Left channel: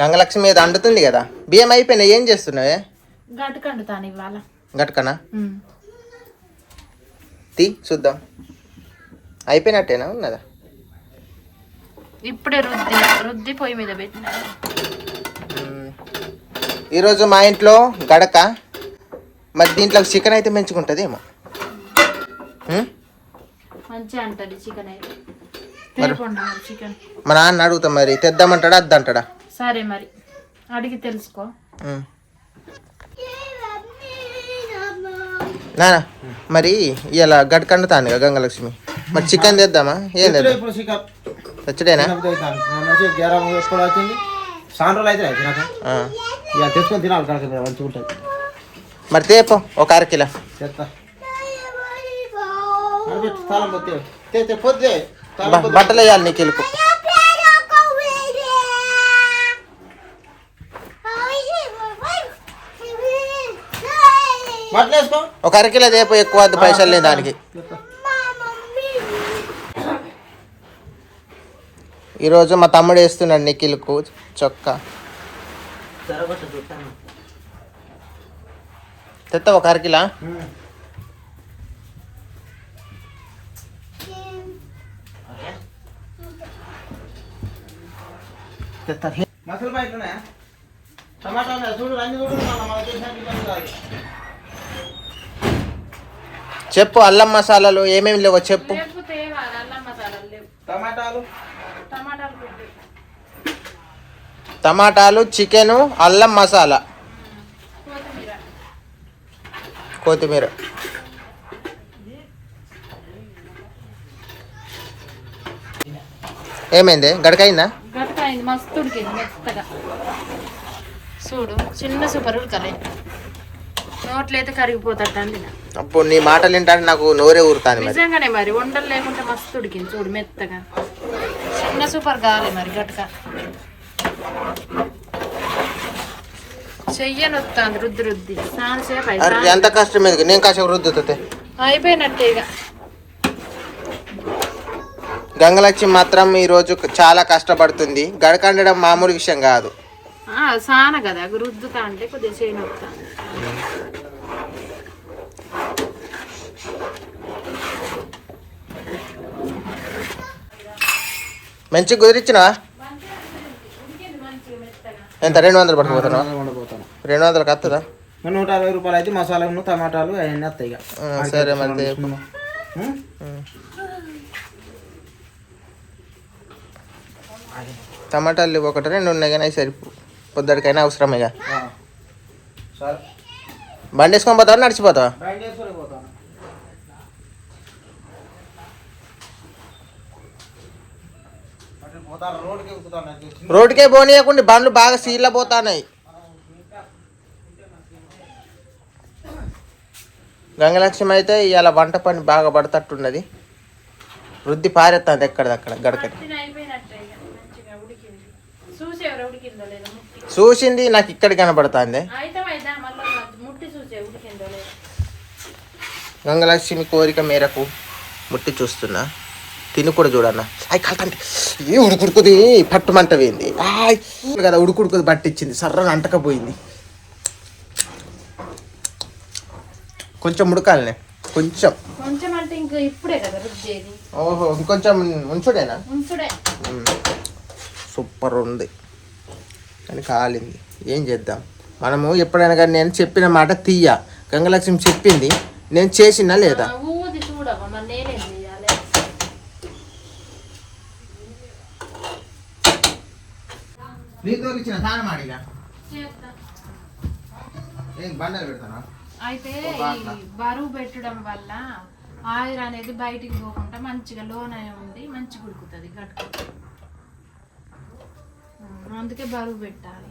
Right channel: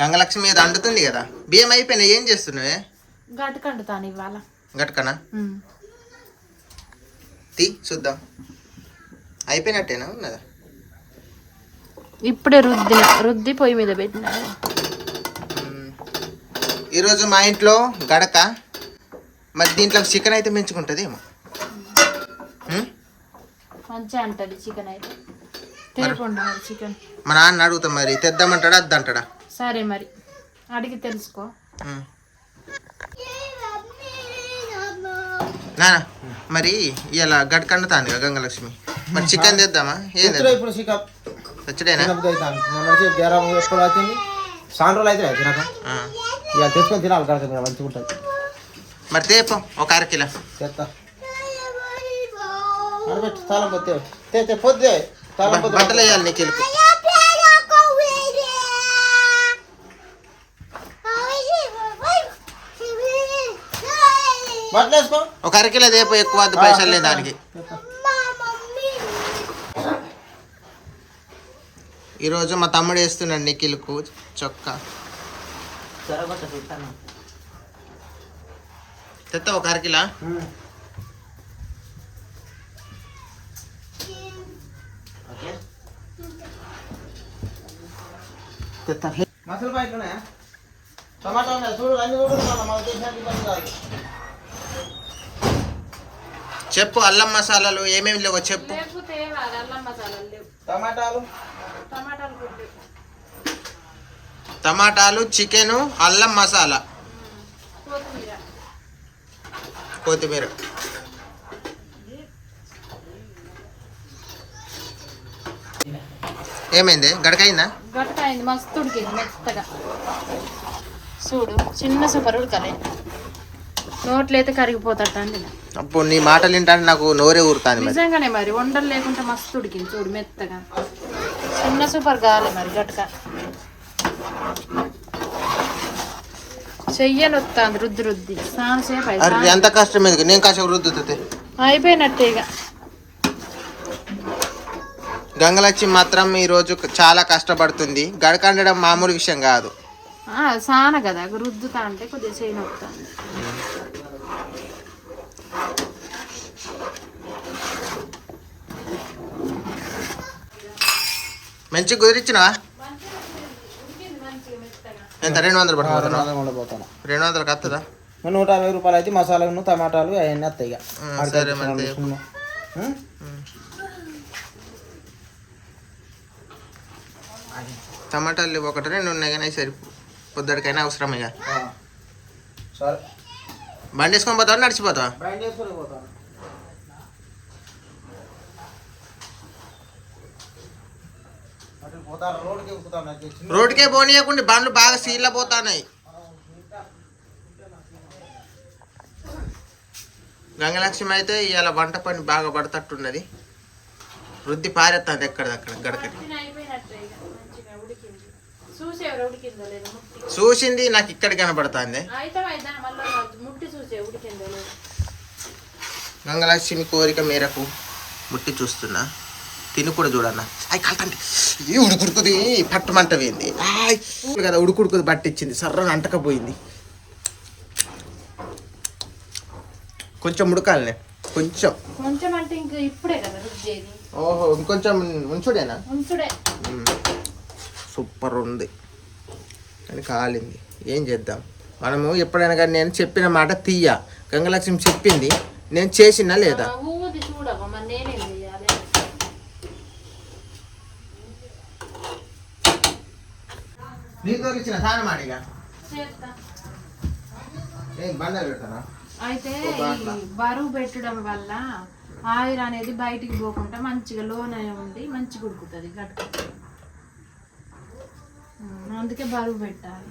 గంగలక్ష్మి మీద అండుతుంది కదా. బియ్యం అయిపోయినాయి, ఏం చేస్తున్నావే? గట్టుకు అండుతాను ఇవాళ. గట్టుకనా? తీ చూద్దాం. అయిపోయినట్టేనా ఉన్నదా? ఇప్పుడే రుద్ది పొయ్యి మీద పెట్టినా. ఈరోజు మా ఇంట్లో గడక. మరి దీంట్లో చికెన్ అయితే మంచుకుంటుంది ఏమో. మంచిగా అంటది చికెన్ అయితే. చికెన్ మా నాన్న అడుగుతాం, మరి తెద్దామంటాడా అద్దంటాడా? సరే మరి అడిగి తెలుసుకో. నానా మరి ఇలా గడకండుతాను కదా గంగలక్ష్మి, మరి చికెన్ తెద్దామా? ఏం తెచ్చడేనా? మరి తేపో ఒక అరకిలో. బట్టలు వేయాలి నీకు ఇలుపు. ఒక అరకిలో తేపో, ఎక్కువ వద్దు, పైసలు లేదు దానికి. ఈరోజు మా తమ్ముడు వేస్తున్నాడు నిఖిల్కు చొక్కా. తెత్తా ఒక అరకిలా? చెప్పు, అల్లం మసాలాలు ఏమేమి లేవో చెప్పు. టమాటాలు, చికెను, అల్లం మసాలా, కొత్తిమీర. ఏమైంది? గడకైందా? గడకైంది, మస్తు ఉడికింది మెత్తగా. చూడు చిన్న సూపర్ ఉడకలే, నోట్లు అయితే కరిగిపోతాడు. అప్పుడు నీ మాటలు వింటాను నాకు నోరే ఊరుతాను. నిజంగానే మరి వంటలు లేకుంటే మస్తు ఉడికింది చూడు మెత్తగా. చిన్న సూపర్ కావాలి మరి గట్క. చెయ్యని వస్తాను రుద్ది సాసేపు. ఎంత కష్టం ఎందుకు, నేను కాసేపు రుద్దుతే అయిపోయినట్టే ఇక. గంగలక్ష్మి మాత్రం ఈరోజు చాలా కష్టపడుతుంది. గడకండడం మామూలు విషయం కాదు. సాన కదా రుద్దుతా అంటే కొద్దిగా చేయని వస్తాను. మంచిగా కుదిరిచ్చినవా? ఎంత 200 పట్టుకుపోతున్నా? 200కి వస్తుందా? 150 రూపాయలు అయితే మసాలాలు టమాటాలు అవన్నీ వస్తాయి. సరే మరి టమాటాలు ఒకటి 2 ఉన్నాయి కానీ సరిపో, పొద్దుడికైనా అవసరమేగా. బండి వేసుకొని పోతావా నడిచిపోతావా? రోడ్డుకే పోనీయకుండా బండ్లు బాగా సీళ్ళ పోతాన్నాయి. గంగలక్ష్మి అయితే ఇవాళ వంట పని బాగా పడతట్టున్నది. వృద్ధి పారెత్తాంది ఎక్కడదక్కడ గడకటి. చూసింది నాకు ఇక్కడ కనబడుతుంది. గంగలక్ష్మి కోరిక మేరకు ముట్టి చూస్తున్నా. తిని కూడా చూడన్నా. అయి కలతండి ఏ ఉడుకుడుకుది పట్టుమంట పోయింది కదా, ఉడుకుడుకుది పట్టించింది, సర్రగా అంటకపోయింది. కొంచెం ఉడకాలనే, కొంచెం. ఓహో ఇంకొంచెం ఉంచుడేనా? సూపర్ ఉంది కానీ కాలింది. ఏం చేద్దాం మనము? ఎప్పుడైనా కానీ నేను చెప్పిన మాట తీయ. గంగలక్ష్మి చెప్పింది, నేను చేసినా లేదా? అయితే బరువు పెట్టడం వల్ల ఆయిల్ అనేది బయటికి పోకుండా మంచిగా లోన ఉండి మంచిగా ఉడుకుతుంది గట్క. అందుకే బరువు పెట్టాలి.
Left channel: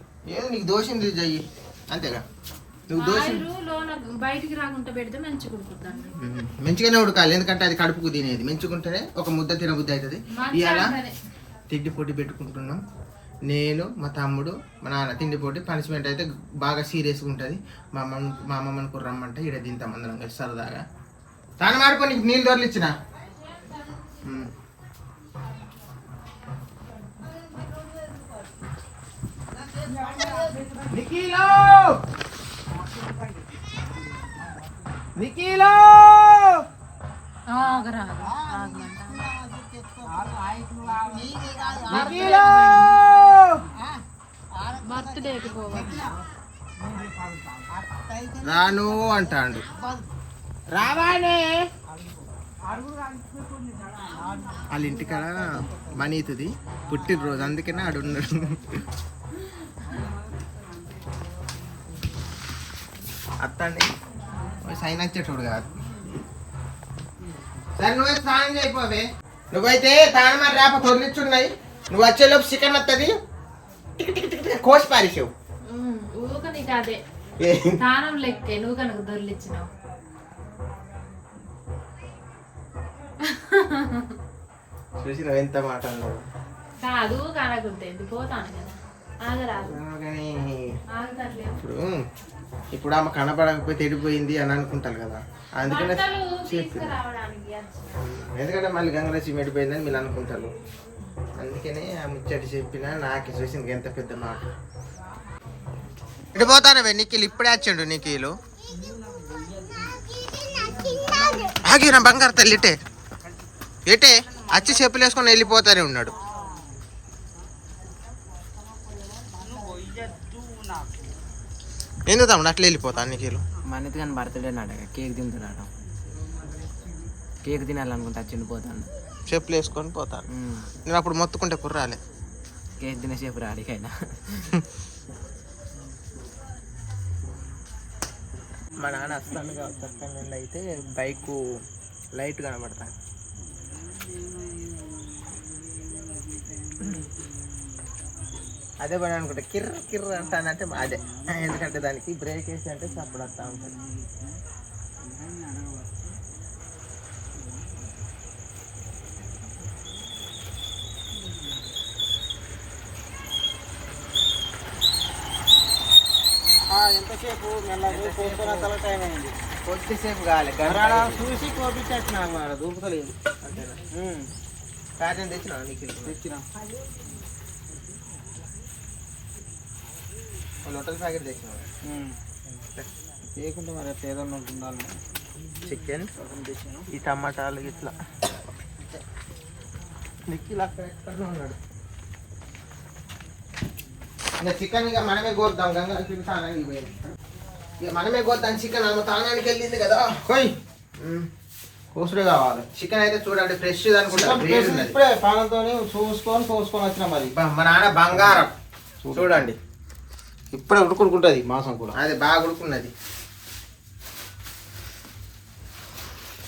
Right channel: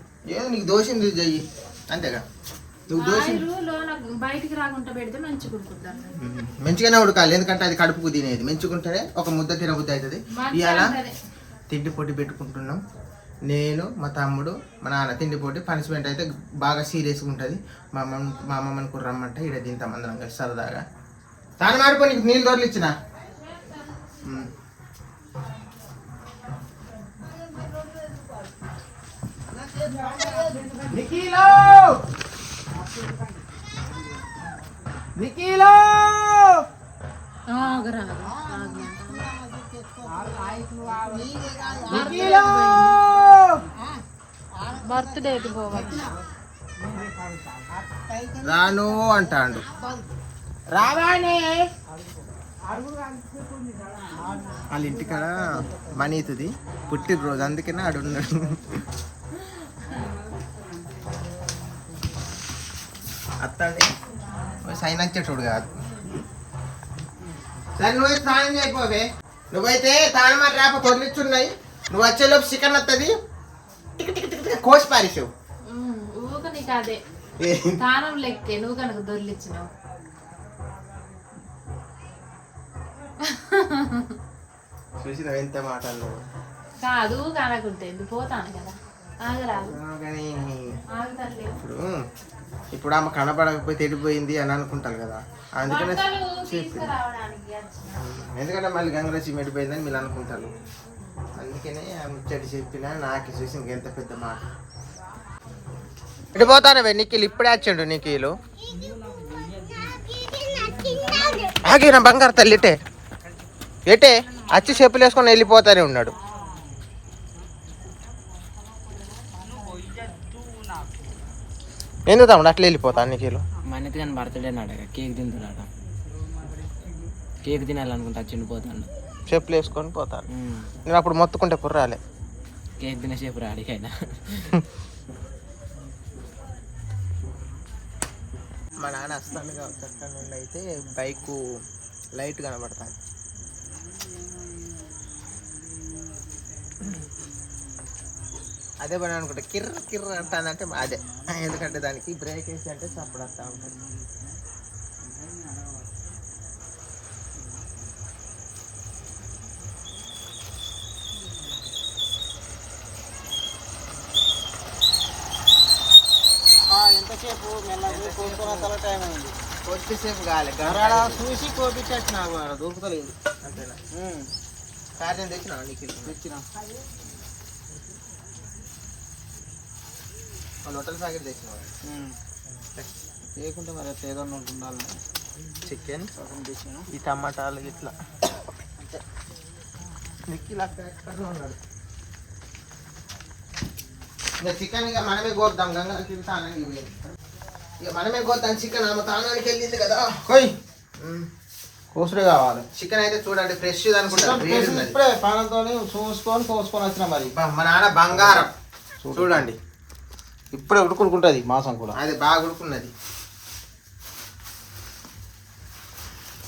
నీకు దోషం చెయ్యి అంతేగా. లోన బయటికి రాకుండా పెడితే మంచిగా ఉడుకుతుంది. మంచిగానే ఉడకాలి, ఎందుకంటే అది కడుపుకు తినేది. మంచిగుంటేనే ఒక ముద్ద తినబుద్ధి అవుతుంది. ఇవాళ తిండి పొట్టి పెట్టుకుంటున్నాం. నేను, మా తమ్ముడు, మా నాన్న. తిండి పోటీ పనిష్మెంట్ అయితే బాగా సీరియస్గా ఉంటుంది. మా అమ్మమ్మని కూడా రమ్మంటే ఇక్కడ తింటాం అందరం కలిసి సరదాగా. తాను మాడిపో, నీకు నీళ్ళు దొరలు ఇచ్చిన. నిఖిలో నిఖిలో నిఖిలో బర్త్డేకి రాను అంటాడు. రావానే వాళ్ళ ఇంటికాడ మనీతుది పుట్టినరోజు, అందుకనే ఆడున్నాడు. అత్తండి సైన్ వచ్చేటోడు కాదు. సరే నువ్వే స్నానం చేయకపోవే. నువ్వైతే తాను మరి రేప తొలిచున్నాయి. నువ్వు వచ్చేలోపు చికెన్ వస్తుంది, కోసి పారేసావు. ఊక నీకు అదే తానం లెక్కే, నువ్వు కనుక దొర్లిచ్చినావు. చూసినావు ఎంత మాట అన్నావు. కాదు కనకుంటే పోతాను కదా, ఆగరాదు. కానీ ఆగుతట్లేదు. ఇప్పుడు ఆమె కనపడకపోతే ఎడిపోయింది అని అనుకుంటారు కదా, అందుకనే చెప్పి. ఎందుకంటే మళ్ళీ గంగలక్ష్మి ఎడిపోయిందని మీరు అనుకుంటారు, అందుకనే ఆ ముచ్చటి చెప్పిన. నాకు చూసి ఎంత పెద్ద మాట. ఎడిపోతానవే నిఖిల్, ఇప్పుడే వచ్చాడు నిఖిలు. ఆగిన బంగారు తల్లి ఇటే ఎటే వచ్చి చెప్పులు వేసుకొని వెళ్ళిపోతానే ఉన్నాడు. ఎందుకు తమ్ముడు అట్లా వెళ్ళిపోతాను నీకేలు? మనది కానీ బర్త్డే నాడక కేక్ తింటున్నాడు. కేక్ తినాలనుకుంటా చిన్నపోతాను. చెప్పులు వేసుకొని పోతాను. నేను అప్పుడు మొత్తుకుంటే కుర్రాలే. కేక్ తినేసేపు రాడికైనా. మా నాన్న వస్తాను కాబట్టి అక్కడ నుండి అయితే బైక్ లైట్ కనబడతాను. అదే పని అనుకుంటా కిర్ర కిర్ర అంటానంటే అదే, ఎందుకంటే దానికి బ్రేక్ వేసి అంటే చప్పుడు వస్తూ ఉంటుంది. ఎంతసేపు మెల్లగా కోసుకున్న టైం అయింది. కొద్దిసేపు కాలే చూసి కోపించచ్చిన దూపుతలేదు. అంతేనా? కార్యం తెచ్చినా నీకు తెచ్చిన హోటల్ ప్యాకెట్ తెచ్చినావు. లేకుంటే మరి అట్లా ఏదన్నా ఉండాలి. చికెన్ ఈ టమాటాలు ఇట్లా నిక్కిలు అక్కడ ఎక్కడ ఉన్నాడు. ఇంకా చికెన్ ఇక మనమే కోద్దాం. గంగకి తానానికి పోయింది, ఇక మనమే కోద్దాం చికెన్. ఆమె తానానికి వెళ్ళింది కదా. కొయ్ కోసుడే కావాలి. చికెన్ అయితే చూడండి ఫ్రెష్ అనుకుంటా. ఇప్పుడే పానంతో చూసుకొని కోసుకొని వచ్చిన. మరి మా నాన్న బంగారం చూడండి, ఇప్పుడే ఉడుకుంటుంది మాసం కూడా. అది బాగా ఉడుకున్నది.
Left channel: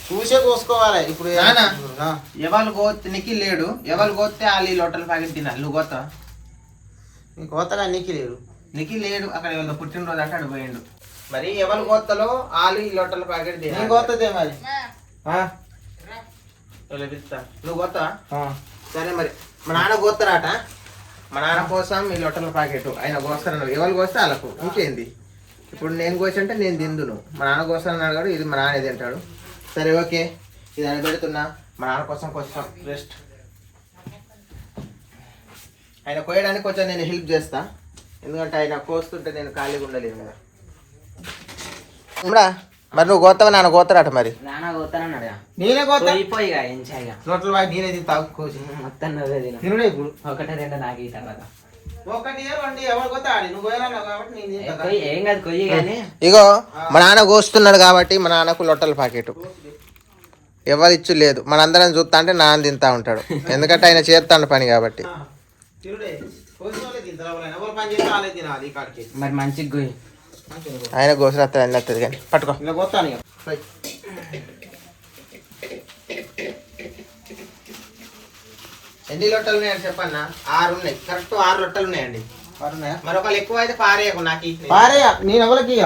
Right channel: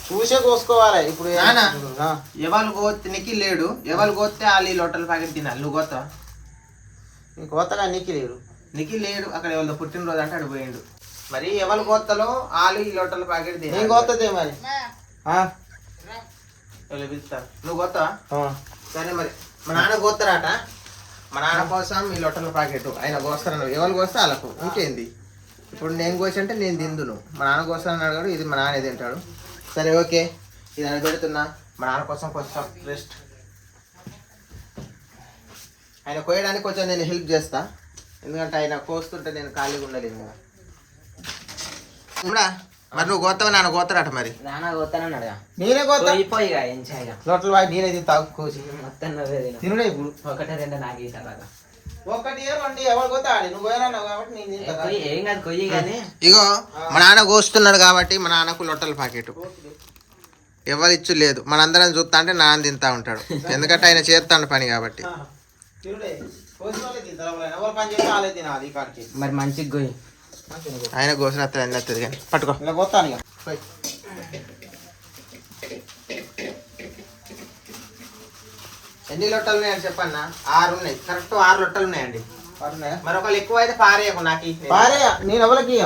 చూసే కోసుకోవాలి. ఇప్పుడు ఎవరు కోస్తే నీకు లేడు, ఎవరు కోస్తే వాళ్ళు ఈ లొట్టల ప్యాకెట్ తినాలి. నువ్వు కోస్తావా? నీకు కోతగా నీకు లేడు. నీకు లేడు, అక్కడ ఎవరితో పుట్టినరోజు అంటే అటు పోయిండు. మరి ఎవరు కోత్తలో వాళ్ళు ఈ లొట్టల ప్యాకెట్ తినాలి. నేను కోతదే మరి. నువ్వు కోస్తావా? సరే మరి మా నాన్న కోస్తారట. మా నాన్న కోసం ఈ లొట్టల ప్యాకెట్ ఆయన కోస్తారన్నారు. ఎవరు కోస్తే వాళ్ళకు ఇంకేంది. ఇప్పుడు నేను కోసి అంటే నేను తిందును. మా నాన్న కోస్తానని అడిగాడు, ఇది మా నాన్న తింటాడు. సరే ఓకే, ఇది అని పెడుతున్నా. మా నాన్న కోసం కొంచెం రెస్ట్. ఆయన కోయడానికి కొంచెం నేను హెల్ప్ చేస్తా, ఎందుకంటే ఆయన కోస్తుంటే నేను ఖాళీగా ఉండలేను కదా. మరి నువ్వు కోస్తావా? నాన్న కోస్తారట. మరి నాన్న కోతానన్నాడు. నేనే కోతా. నోట్ల బాగా నేనే తింటావు కోసి మొత్తం తినడే. ఇప్పుడు ఒకటే రెండు నాకు ఈ తర్వాత ఒకటి రెండు ఎవరు కోతాడు. నువ్వు కోయరావు కాబట్టి నేను ఏం కాదు కొయ్యి. కానీ ఇగో మా నాన్న కోస్తున్నాడు కాబట్టి మా నాన్నకు లొట్టల ప్యాకెట్ ఎవరు ఇచ్చు లేదు. మనందరం చూస్తా అంటే నాన్న తింటా ఉంటాడు, ఎందుకంటే ఆయన చేస్తాడు పని కాబట్టి. మరి మంచిగా గొయ్యి. ఆయన గోసలు వస్తుంది అన్నీ వస్తుంది కానీ పట్టుకో. ఎన్ని లొట్టలు ఉన్నాయని చెప్పన్నా? 6 ఉన్నాయి. కరెక్ట్ 6 లొట్టలు ఉన్నాయండి. మరొకళ్ళు ఎక్కువ అయితే పారేయకు. నాకు పారేయ, నేను ఎవరికి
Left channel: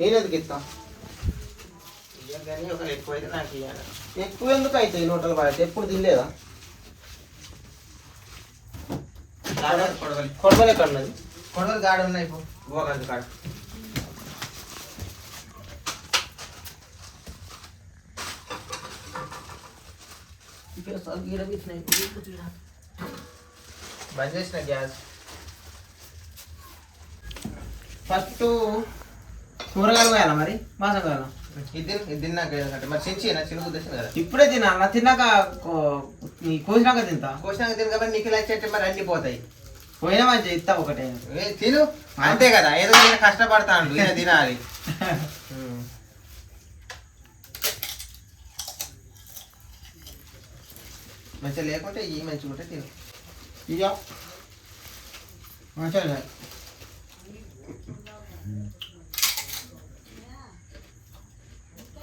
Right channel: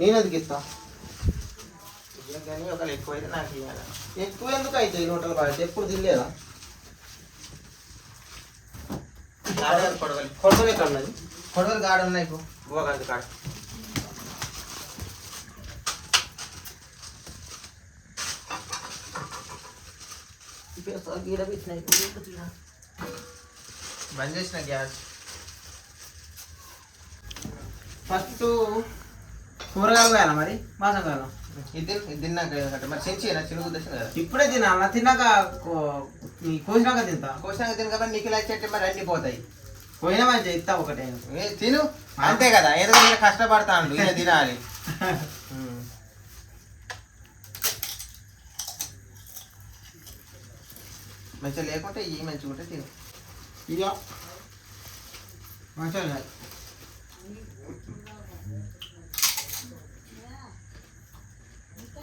నేను ఎందుకు ఇస్తా. కానీ ఒకళ్ళు ఎక్కువ అయితే నాకు ఇవ్వాలి. ఎక్కువ ఎందుకు అయితే ఈ లొట్టలు పారేసి ఎప్పుడు తినలేదా? కొడవలే కన్నది. కొడవలు గాడు ఉన్నాయి ఇప్పుడు గోగంజి కాడ. బంద్ చేసిన గ్యాస్. ఫస్ట్ కూరగాయలు పోయాలా మరి మాసం కాయాలా ఇది తిన్నాక ఏదంటే మరి చెంచేనా చిన్న ఉద్దేశం కదా ఇప్పుడే తినాలా తిన్నాక కోసినాక తింటా కోసినాక తిని కాబట్టి నీకు ఇలా చెట్టు మరి అన్ని పోతాయి పోయినా మంచిగా ఇస్తా ఒకటే తిను అంతే కదా ఏదో నేను కష్టపడతాను ఇలా తినాలి మంచిగా లేకుంటే ఈ మంచిగా ఉంటే తిను ఇక మంచిగా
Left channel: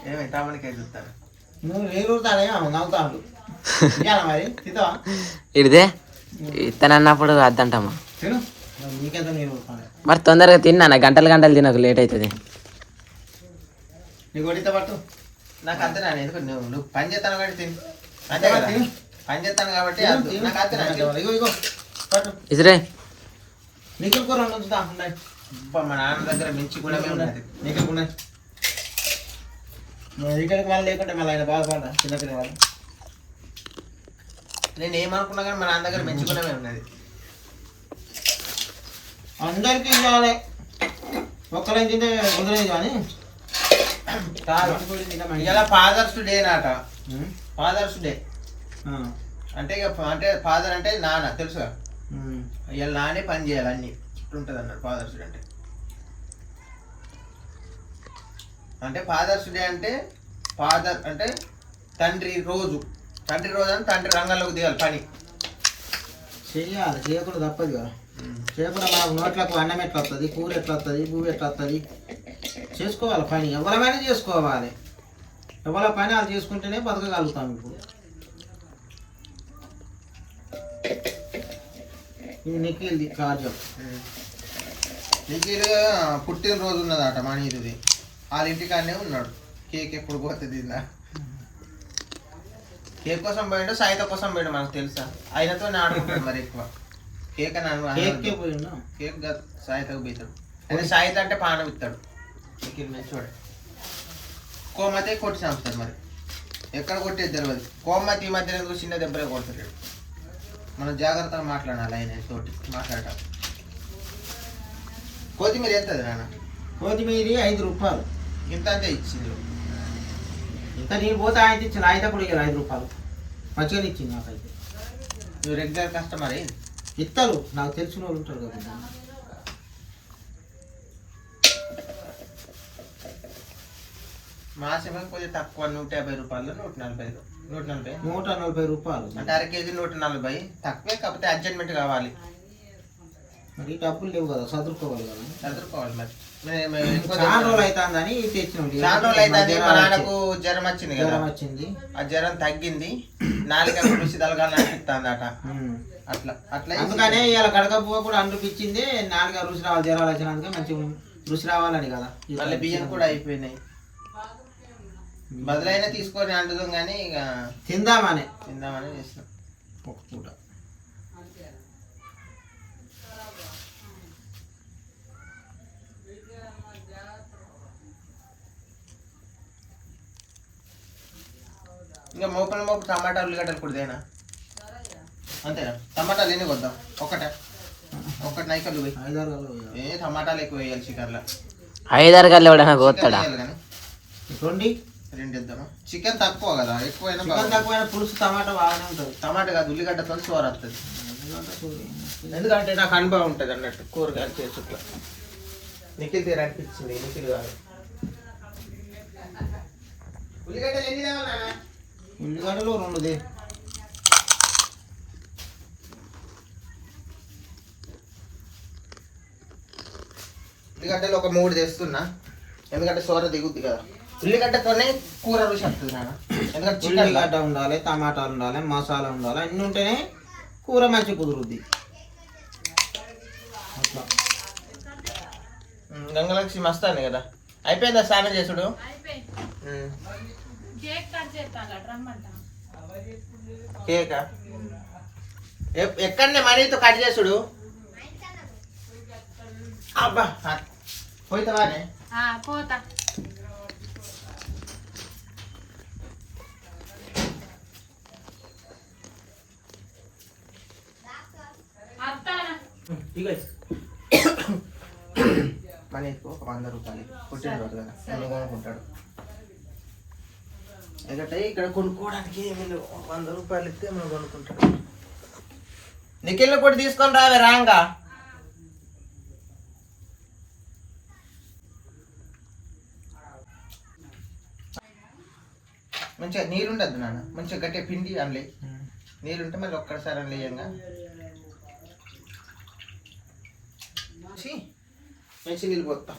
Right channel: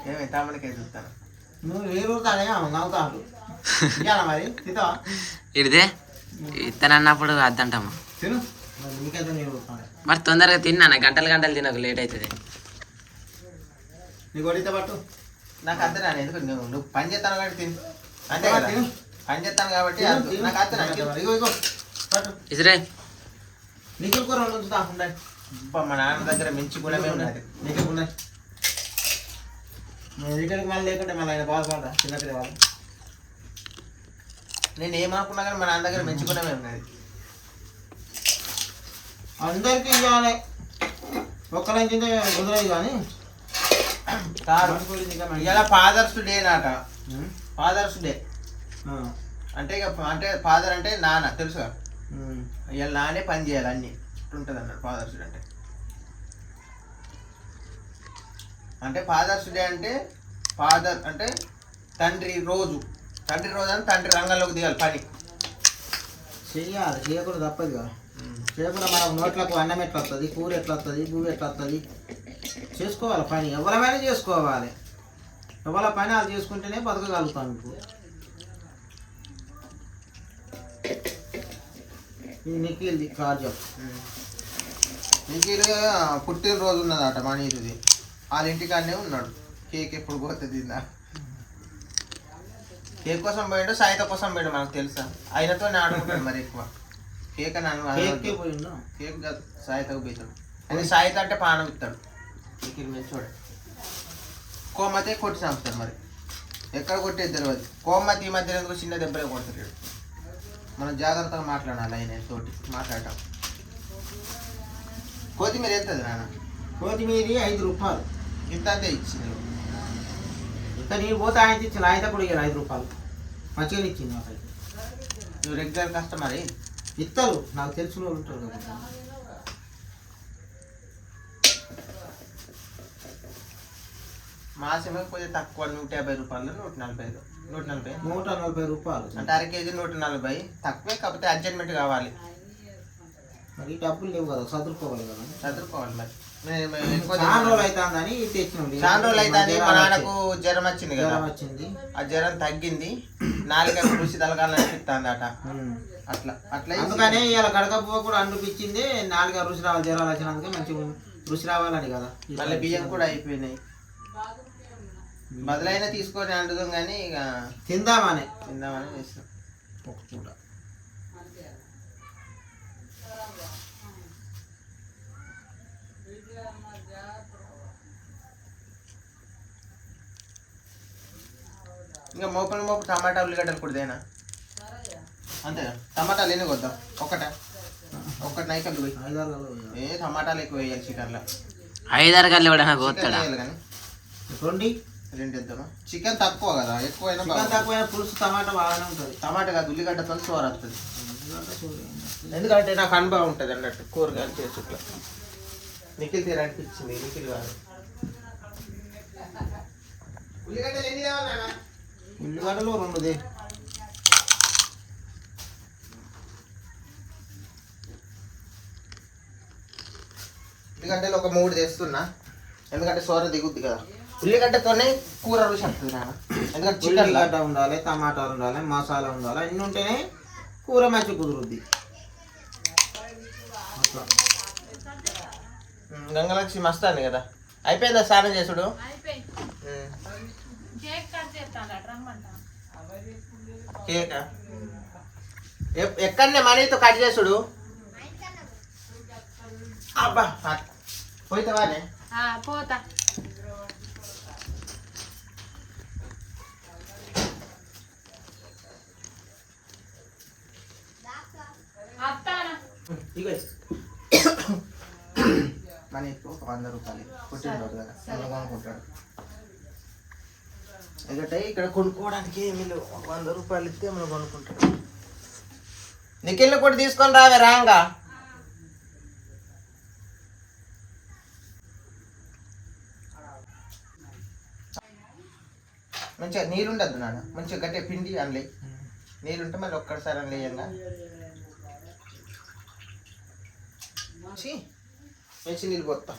ఏమైనా తమ్మునికే చూస్తాను నువ్వు వేరుతానే నవ్వుతాడు తినాలా మరి తింటావా ఇడిదే ఇతనన్నప్పుడు అద్దంటమ్మా తిను మరి నీకెంత నీరు ఊరుతాను మరి తొందరగా తిన్నా గంటలు గంటలు తినకు లేట్ అవుతుంది నీకు వడితే పట్టు నాకు అర్థం రాదు ఎందుకు నువ్వు పని చేస్తాను కాబట్టి తిను అంతే కదా తిను పని చేస్తాను కాబట్టి నాకు అర్థం ఇగో ఇగో పట్టు ఇసురే నీకు కూర ఉంచుతా ఉన్నాయి మా నాన్న దగ్గర మంచి గుణమే ఉన్నది నీకు ఉన్నాయి ఇక్కడికి మళ్ళీ లేకుంటే మళ్ళీ ఆయన బాధపడ్డా చిన్నపిల్ల వాళ్ళు నేను ఏమనుకున్నా కానీ మా నాన్న దగ్గర మంచి గుణమే ఉన్నది అందరికీ ఇవ్వాలి ఒక్కరైనా తింటే కుదరదు కానీ ఇలా ఫాదర్స్ డే నాట ఫాదర్స్ డే అంటే ఇక అంటే ఫాదర్ అంటే నాన్న తెలుసుగా ఇలా నానే పని చేయాలి అన్ని ఇట్లుంటుంది అన్నాడు ఫాదర్స్ డే అంటే ఫాదర్స్ డే అంటే ఫాదర్ అంటే తండ్రి రోజు అంటే తండ్రి రంగంలోకి దిగాలి పని చెయ్యాలి చేయకుండా తప్పదు కదా చేయకుండా మనకు నోట్లకు అన్నం ఎట్లా వస్తుంది కూర ఎట్లా వస్తుంది భూమి ఎట్లా వస్తుంది చేసుకోవాలి పని ఎవరమైనా చేసుకోవాలి ఎవరి పని అది చేసుకుంటేనే బతకగలుగుతాం ఇప్పుడు ఇది నిఖిల్ది కార్యం నిఖిల్ పుట్టినరోజు ఉన్నదట మనీది వాళ్ళ ఇంటికాడనే ఉన్నాడు కేక్ ఎప్పుడు పోతుంది కేక్ కోసం పోయిండు సాయిత కోసం పోయిండు మనకు తెలుసా ఆయనతో ఆడుకుంటాడు మరి ఎక్కువ కేక్ అని పోయిండు కేక్ కాదు సాయితకు పోతాడు అదే సాయిత అంటే పానం ఇస్తాడు నిఖిల్ మంచివాడు కోమతే కొట్టి చంపుతాడు మరి ఎక్కడ కొట్టేది తెలియదు కోమతి ఈ మధ్య ఎందుకు చిన్న దెబ్బలే కొడతాడు మనం జాగ్రత్తగా మాట్లాడాలి ఆయన తోటి మాట్లాడటం కొత్తిమీర ఎంత నాన్న కొత్తిమీర 5 రూపాయలు ఇంత అంతే ఇచ్చింది ఇంకా నేను పోతే ఆయన ఇచ్చిన ఆయన కూడా ఇవ్వాలి 5 రూపాయలు మంచిగా ఇచ్చింది నాకైతే నువ్వు రెగ్యులర్ కస్టమర్ ఇస్తారు నాకు తెలిసిన వాళ్ళు ఉంటారు కాబట్టి మాసమే కొంచెం తక్కువ 150 రూపాయలు 140 రూపాయలు అంటే అర కేజీ 140 తక్కువే కాకపోతే అడ్జస్ట్మెంట్ కావాలి మరి డబ్బులు లేవు కదా చదువుకోవాలి కదా చదువుకోవాలి మరి చాలా రోజులు అవుతుందని తెచ్చినాం చాలా రోజులు అవుతుంది మా నాన్నకు జ్వరం వచ్చింది కదా జ్వరం వచ్చింది ఆ జ్వరం తగ్గింది నాలుగు రుచి తలగాలని అనిపిస్తుందట అట్లా అట్లా అందుకనే ఇవాళ గడకపో కూడా అనిపించింది 4 రుచి రావాలి జ్వరాలు వచ్చినందుకే మంచి రుచి రావాలని కదా మళ్ళీ బియ్యం కూడా అయిపోయినాయి బదులైనా తీసుకొని అంటుదాం కానీ ఇక తిందామని చేసినాం ఒక పూట ఇంకా మోపు టమాటా ఉల్లిగడ్డలు కుడిదేనా అంతేనా టమాటాలు ఎన్ని కొద్దాం ఒకటి నైకలు పోయి 5 గంటలు టమాటాలు ఎక్కువ వేయాలి చికెన్లో 5 గంటలు ఎవడైనా కోస్తాడా కానీ 2 ఇద్దామా చికెన్ తక్కువ కదా ఎక్కువైనా చికెన్ తక్కువైనా పులుసు టమాటా బాగానే ఉంటుంది టమాటా కాదు ఉల్లిగడ్డతో సోర వస్తుంది ఎందుకంటే నాకు అనుభవం ఉంటుంది అన్నట్టు కూరగాయలు చేసుట్లా నిఖిల్ తీర అనిపించింది నిఖిల్ గారు ఉల్లిగడ్డలు ఎన్ని కావాలి ఉల్లిగడ్డలు 2 ఉల్లిగడ్డలు ఒక 3 తెస్తున్నా ఎందుకంటే సోర దిగుద్ది కదా ఉల్లిగడ్డతోనే కూర రుచి వస్తుంది నాన్న ఎందుకంటే చికెన్ ఉల్లిగడ్డ ఉండాలి టమాటాలు ఉండాలి మసాలా ఉండాలి అన్నీ ఉంటేనే కూర మంచి కుదురుద్ది అట్లా గంగలక్ష్మి మస్తాను కదా అయిపోయిందా స్నానం చేసుడు కేకా ఎక్కడనే మనీతో కట్ చేసుడు అబ్బా పోయితావానే పోతా ఇక మన ఎక్కువ ఒక 100 రూపాయలు పుట్టినరోజు కదా నన్ను కొనుక్కుంటాడు. ఎందుకంటే ఇక్కడ కొనుక్కోవడానికి ఏమీ లేవు. 100 రూపాయలు ఇస్తే మనం కొనుక్కుంటాడు. నిఖిల్ని కూడా తీసుకొని రావే రాంగా. మంచిగా నీరుండద్దు నాన్న, మంచిగా గట్టిగా పిండి అనలే. నీరుంటే మళ్ళీ ఒక్కడిసారి అనలేయంగా మంచి నీళ్ళు పోతాం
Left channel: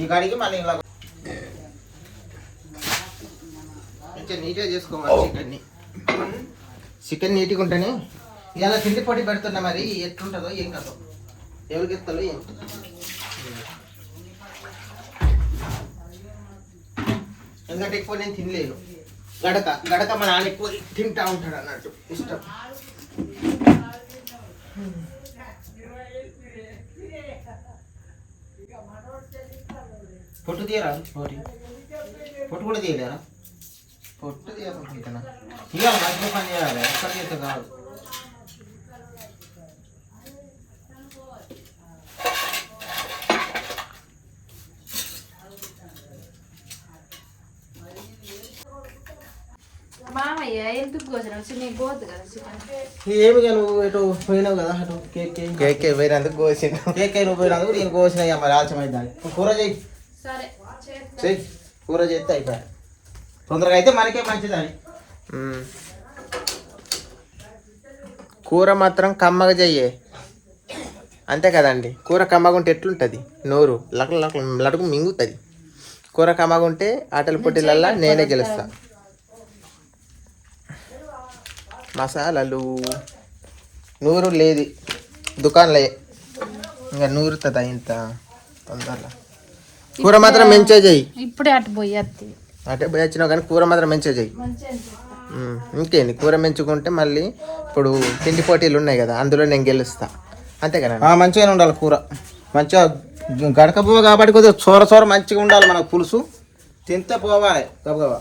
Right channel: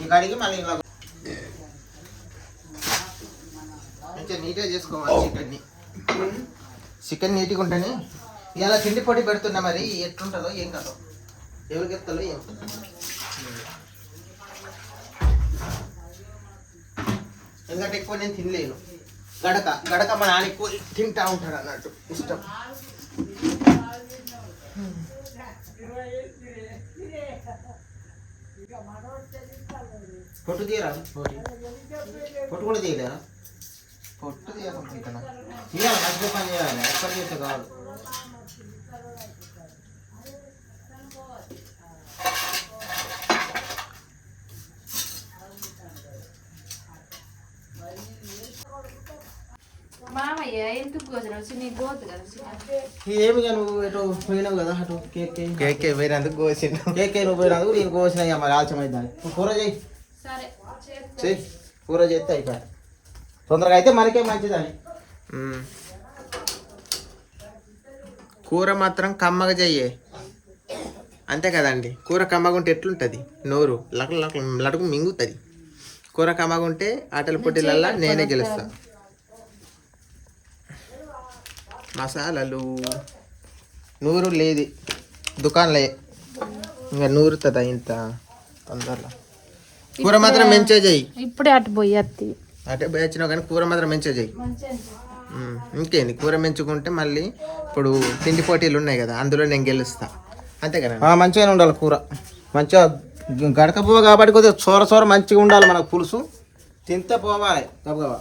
ఈ గడికి మళ్ళీ ఇలా మంచిగా నీట్గా చేసుకోవాలి. చికెన్ నీట్గా ఉంటేనే ఇలా తిండి పొడి పెడుతున్నా. మరి ఎట్లుంటుందో ఏం కాదో ఎవరికి ఎత్తాలో ఏం. ఎందుకంటే ఎక్కువ నేను తినలేను. గడక మా నాన్న ఎక్కువ తింటా ఉంటాడు అన్నట్టు ఇష్టం. పొట్టు తీయరా? పొట్టు కూడా తీయలేరా? పొట్టు తీయాలనుకుంటున్నా. తీయాలి, మంచిగా పని చేయాలి. ఎక్కడ చేస్తే కాదు. మామయ్య ఎందుకు కోసినావు? చిన్న పోదు కదా చికెన్. ఏమిగా నువ్వు ఇటు పోయినావు కదా అటు కేక్ పోయినందుకు కోసిండు. కేక్ నువ్వు పోయినందుకు నేను కోసిన మరి ఆలస్యమైంది. కూర చేయి, సరే చెయ్యి. కూర చేస్తే అయిపోయి తొందరగా అయితే మనకే మంచిదని. కూర మాత్రం కమ్మగా చెయ్యే, అంతే కదండి. కూర కమ్మగా ఉంటే ఎట్లుంటుంది? నోరు లడుకు మింగుతుంది. కూర కమ్మగా ఉంటే ఆటల పోటీలల్లా నేనే గెలుస్తా. మసాలాలు నూరు లేదు దుకాణంలో, ఇంకా నూరుతుందా ఇంత తొందరలో. కూర మాత్రం మంచిగా చెయ్యి. ఇప్పుడే అటు పోయి అంటే పోయి వచ్చినావు కానీ కూర మాత్రం మంచిగా చెయ్యి. ఇంకేంది, కూర మెంచుకుంటే మళ్ళీ ఇప్పుడు తిండి పోటీలు ఉన్నాయి కదా, అందులో నేను గెలుస్తా, అంతే కదా. మంచిగానే ఉండాలి కూర, మంచిగా గడకపో కాబట్టి కొద్దిగా చోర మంచిగా ఉండాలి. మనకు పులుసు తింటే పోవాలి తప్పగా.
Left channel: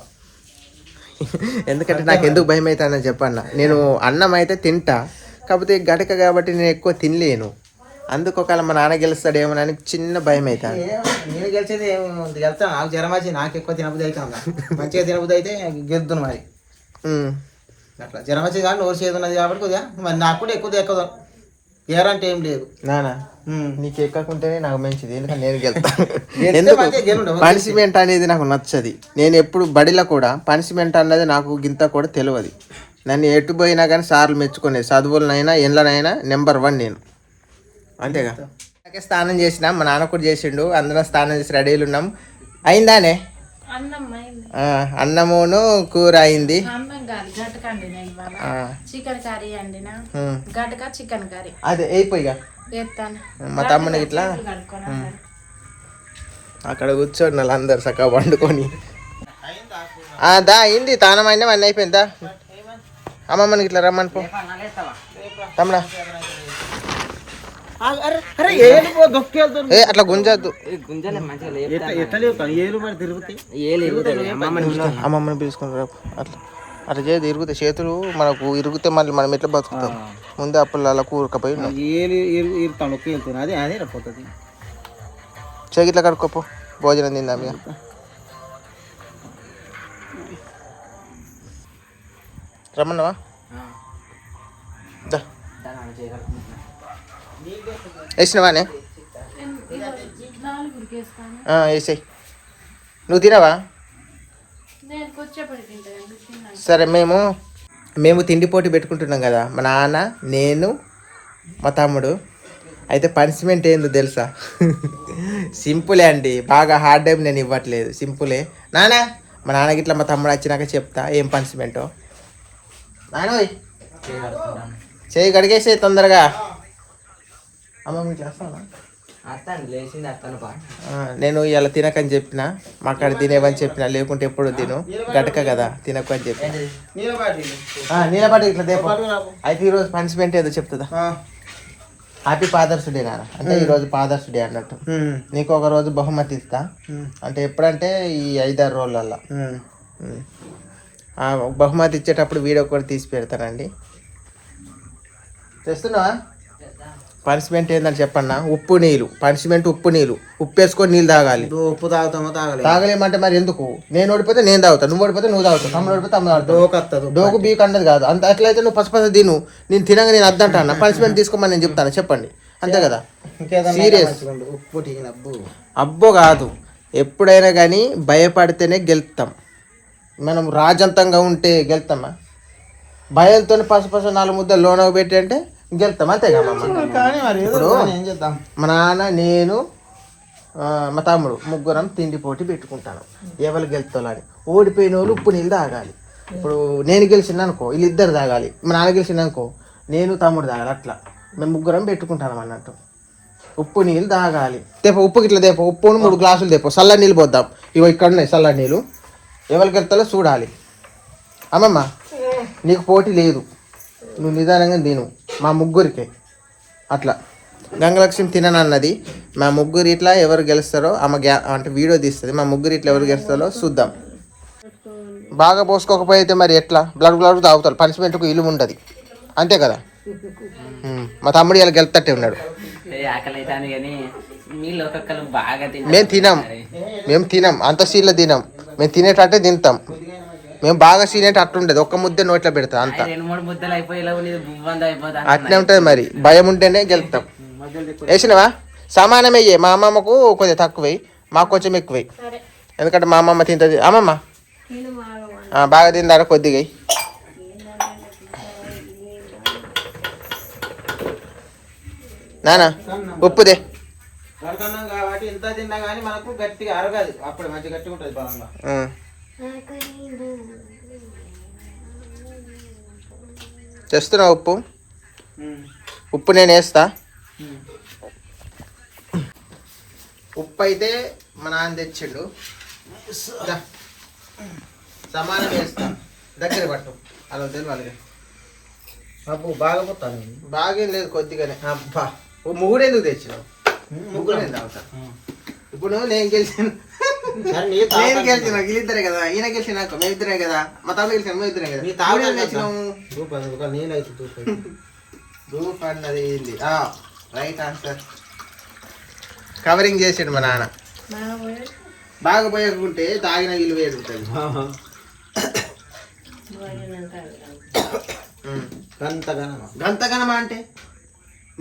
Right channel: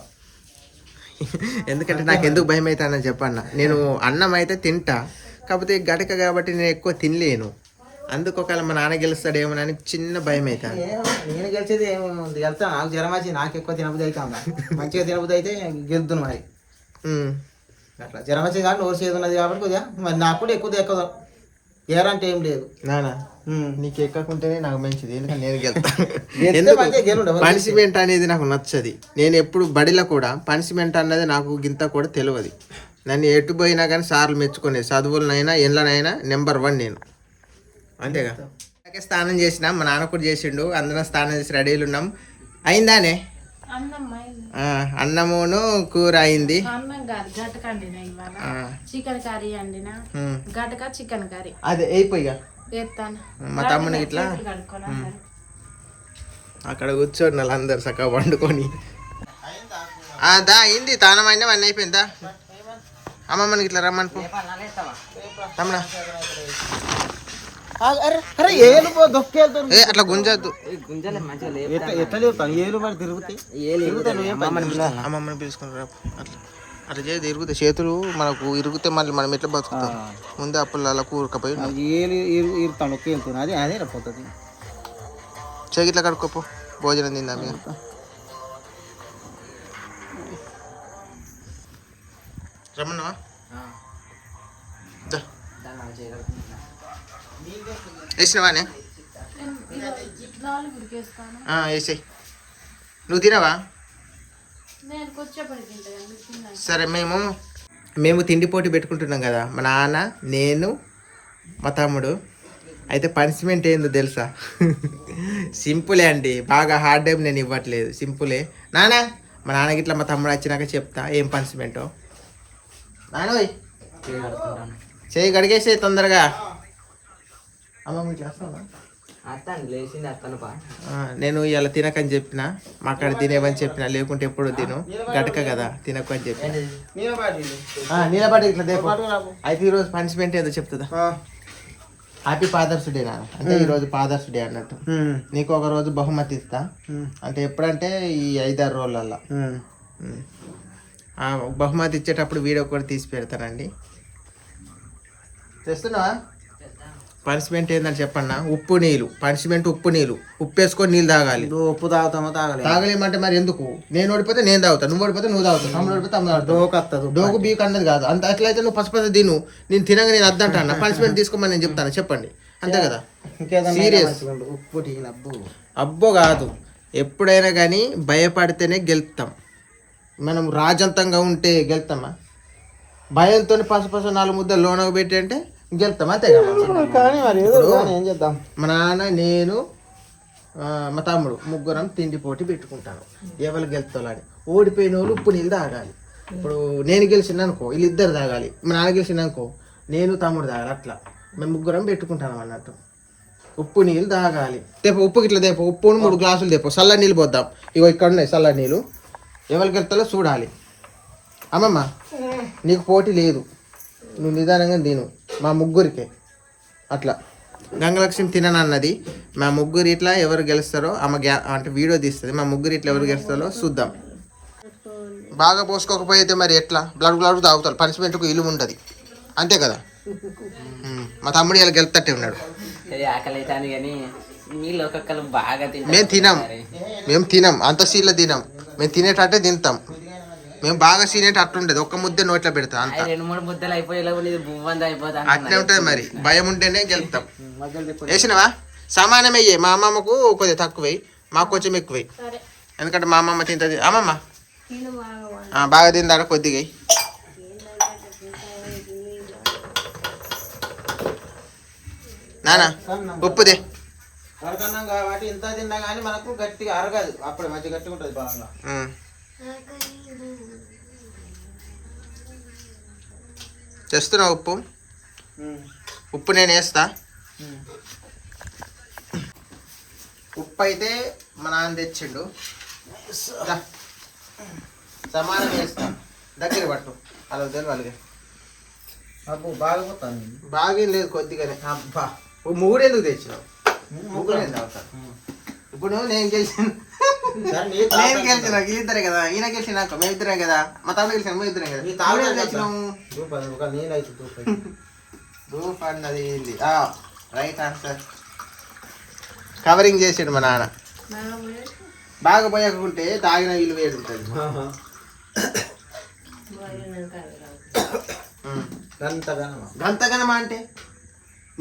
ఎందుకంటే నాకు ఎందుకు భయం అవుతుందని చెప్పన్న. నేను అన్నం అయితే తింటా, కాకపోతే గడక కాబట్టి నేను ఎక్కువ తినలేను. అందుకు ఒకవేళ మా నాన్న గెలుస్తాడేమోనని చిన్న భయం అవుతుంది. నేను గెలిచేది గెలుస్తాను. నాకు జ్వరం వచ్చి నాకు ఎక్కువ తినబుద్ధి అవుతా. మంచిగా తినబుద్ధి అయితే గెలుతున్నా మరి. అట్లా జ్వరం వచ్చేది కాబట్టి నోరు చేదు ఉన్నది కాబట్టి కొద్దిగా మరి నాకు కూడా ఎక్కువ గ్యారంటీ ఏం లేదు. నానా నీకు ఎక్కకుంటేనే నాకు మంచిది, ఎందుకంటే నేను గెలుతాను. ఎందుకు పనిష్మెంట్ అనేది నాకు నచ్చది. నేను ఎప్పుడు బడిలో కూడా పనిష్మెంట్ అన్నది నాకు గింత కూడా తెలియదు. నన్ను ఎటు పోయినా కానీ సార్లు మెచ్చుకునేది. చదువులనైనా ఎండ్లనైనా నెంబర్ 1 నేను, అంతేగా. అలాగే స్నానం చేసినా, మా నాన్న కూడా చేసిండు. అందరం స్నానం చేసి రెడీలు ఉన్నాం. అయిందానే అన్నమును కూర అయింది. చికెన్ కర్రీ అండినా, గటక చికెన్ కర్రీ అదే అయిపోయిగా. మా తమ్ముని ఇట్లా అక్కడ కూర్చోండి వాళ్ళందరు చక్కగా వండుకొని. దా అయింది, తానం అయినా అన్నీ అయిపోయిందా. అమ్మమ్మకి ఇట్లా రమ్మని పో తమ్ముడా. అట్లా గుంజద్దు, అమ్మమ్మని పిలుచుకుని రా. అట్లా అట్లా చేసి ఇరుగుతాయి చేతులు మనకు. ఇరుగుతే మళ్ళీ మనం ఎట్లా బతుకుతాం? ముందే అప్పుడు అలా కూరకపోయి చేగి ఇట్లా కడుక్కోపో, భోజనం తిందాం ఇక. రమ్మన్నావా? వేసినవానే? వేసాయి. నువ్వు తినవా? సరే, మేము తిండి పోటీ పెట్టుకుంటున్నాం కదా, మా నాన్న, నేను, మా తమ్ముడు. అయితే పనిష్మెంట్ ఏందో తెలుసా? సింపులే అండి, బాగా హార్డ్ టైం నేను ఇవ్వట్లేదు, సింపులే. నాన్న, మా నాన్నకి ఇట్లా మా తమ్ముడు వచ్చినాక చెప్తా ఏం పనిష్మెంటో. నాన్న చేయి గడిగేసే తొందరగా. అమ్మమ్మ ఇట్లా వస్తావా? నేను ఇలా తినకని చెప్పిన, మా అక్కడ తినేవని చెప్పిన, లేకుంటే ఎప్పుడు తిను గటక కదా తినకు అని చెప్పి. నీలపాటి ఇట్లా దేపో. అయితే ఈరోజు పనిష్మెంట్ ఏదో చెప్తుందా? హ్యాపీ ఫాదర్స్ డే నాన్న. అంటే ఈరోజు ఫాదర్స్ డే అన్నట్టు. నీకు ఒక రోజు బహుమతి ఇస్తా. అంటే ఎప్పుడంటే ఈ 5-6 రోజులల్లో. బహుమతి ఇచ్చేటప్పుడు వీడియో కూడా తీసి పెడతానండి. తెస్తున్నావా? పనిష్మెంట్ ఏందని చెప్పన్నా, ఉప్పు నీళ్ళు. పనిష్మెంట్ ఉప్పు నీళ్ళు. ఉప్పు వేసుకొని నీళ్ళు తాగాలి. ఉప్పు తాగుతామో తాగలేదు. తాగలేమంటే మరి ఎందుకు? నేను ఓడిపోతే నేను తాగుతాను, నువ్వు ఓడిపోతే నువ్వు తాగుతావు, తమ్ముడు ఓడిపోతే తమ్ముడు తాగుతావు. డోకు బీక్ అన్నది కాదు. అంత ఎట్లయితే నువ్వు పసుపస తిను, నేను తినగా నేను అద్దంటాను. పనిష్మెంట్ తీసుకోమని నేను చెప్తాను, చెప్పండి, అంతే కదా. సీరియస్. ఉప్పు అబ్బో కాదు, ఎప్పుడైనా కానీ భయపడితేనే గెలుస్తాం. మనం రాజంతంగా ఉంటే గెలుస్తామా? భయంతో పసుపస 4 ముద్దలు లోనకు పెట్టి అంటే గెలుస్తాం, అంతే కదా. ఇప్పుడు మా నాన్న, నేను, మా తమ్ముడు ముగ్గురం తిండి పోటీ పెట్టుకుంటాను. ఎవరు గెలుస్తాను అని. ఓడిపోయిన వాళ్ళు ఉప్పు నీళ్ళు తాగాలి. ఇప్పుడు నేను గెలిచింది అనుకో, వీళ్ళిద్దరు తాగాలి. మా నాన్న గెలిచింది అనుకో, నేను తమ్ముడు తాగాలి. అట్లా మేము ముగ్గురం పెట్టుకుంటాను అన్నట్టు. ఉప్పు నీళ్ళు తాగాలి. తేపో ఉప్పుకి ఇట్లా తేపో, ఉప్పును 3 గ్లాసులు తేపో. చల్ల నీళ్ళు పోద్దాం. ఇగో ఇక్కడ ఉన్నాయి చల్ల నీళ్ళు. ఎవరికి వెళ్తాలో చూడాలి. అమ్మమ్మ నీకు పోటీ లేదు, నువ్వు నిదానంగా తిను. మా ముగ్గురికే అట్లా. గంగలక్ష్మి తిననన్నది. మా ముగ్గురు ఇట్లా ఎవరు గెలుస్తారో ఆమె అంటే వీడియో తీస్తుంది. మా ముగ్గురు ఇట్లా ఎవరు గెలుస్తారో చూద్దాం. బాగా పోసుకోకపోతే మరి ఎట్లా? బ్లడ్ తాగుతారు. పనిష్మెంట్కు ఇల్లు ఉంటుంది, అంతే కదా. మా తమ్ముడు ఇలా గెలుతట్టే ఉన్నాడు. ఆకలి అవుతాను కానీ మీళ్ళు ఒక్కొక్కరు బాగా మేము తినం అంత సీన్లో తినం. మేము తినేటట్టే తింటాం. మేము బాగా సీనేట అట్టుండదు. ఒక్క ముద్ద నోట్లో పెడతాం అంత. 2-3 ముద్దలు అయిపోయి అట్లే ఉంటుంది మరి. భయం ఉంటేనే గెలుతాం. వేసినవా? సమానం అయ్యే. మా అమ్మమ్మకు కొద్దిగా తక్కువ, మాకు కొంచెం ఎక్కువ. ఎందుకంటే మా అమ్మమ్మ తింటుంది. అమ్మమ్మ బాగా తిందారా కొద్దిగా. నానా ఉప్పుదే. వరకన్నాం కాబట్టి ఇంత తిన్నా కానీ మనకు గట్టిగా అరగదు. అప్పుడు మంచి గట్టిగా ఉంటుంది బాగా. చేస్తున్నా ఉప్పు. ఉప్పు నేను వేస్తా. ఉప్పు అయితే మా నాన్న తెచ్చిండు. సమానం వేస్తా. దగ్గర పట్టు. అలా తెలియాలి. అప్పు బాగా పోతాను. బాగేం లేదు, కొద్దిగానే. అబ్బా 3 ఎందుకు తెచ్చినావు? 3 ఎందుకు అవుతా? ఇప్పుడు నేను గెలిచాను. నేను గెలిచిన వీళ్ళిద్దరే కదా. ఈయన గెలిచిన మేమిద్దరే కదా. మా తమ్ముడు గెలిచిన మేమిద్దరే కదా. గ్రూప్ అన్నది ఏంది? Right answer. కవరింగ్ చేసాడు మా నాన్న. బాగా పోయకుంటే తాగిన వీళ్ళు వేడి ఉంటుంది. గంతగనమా అంటే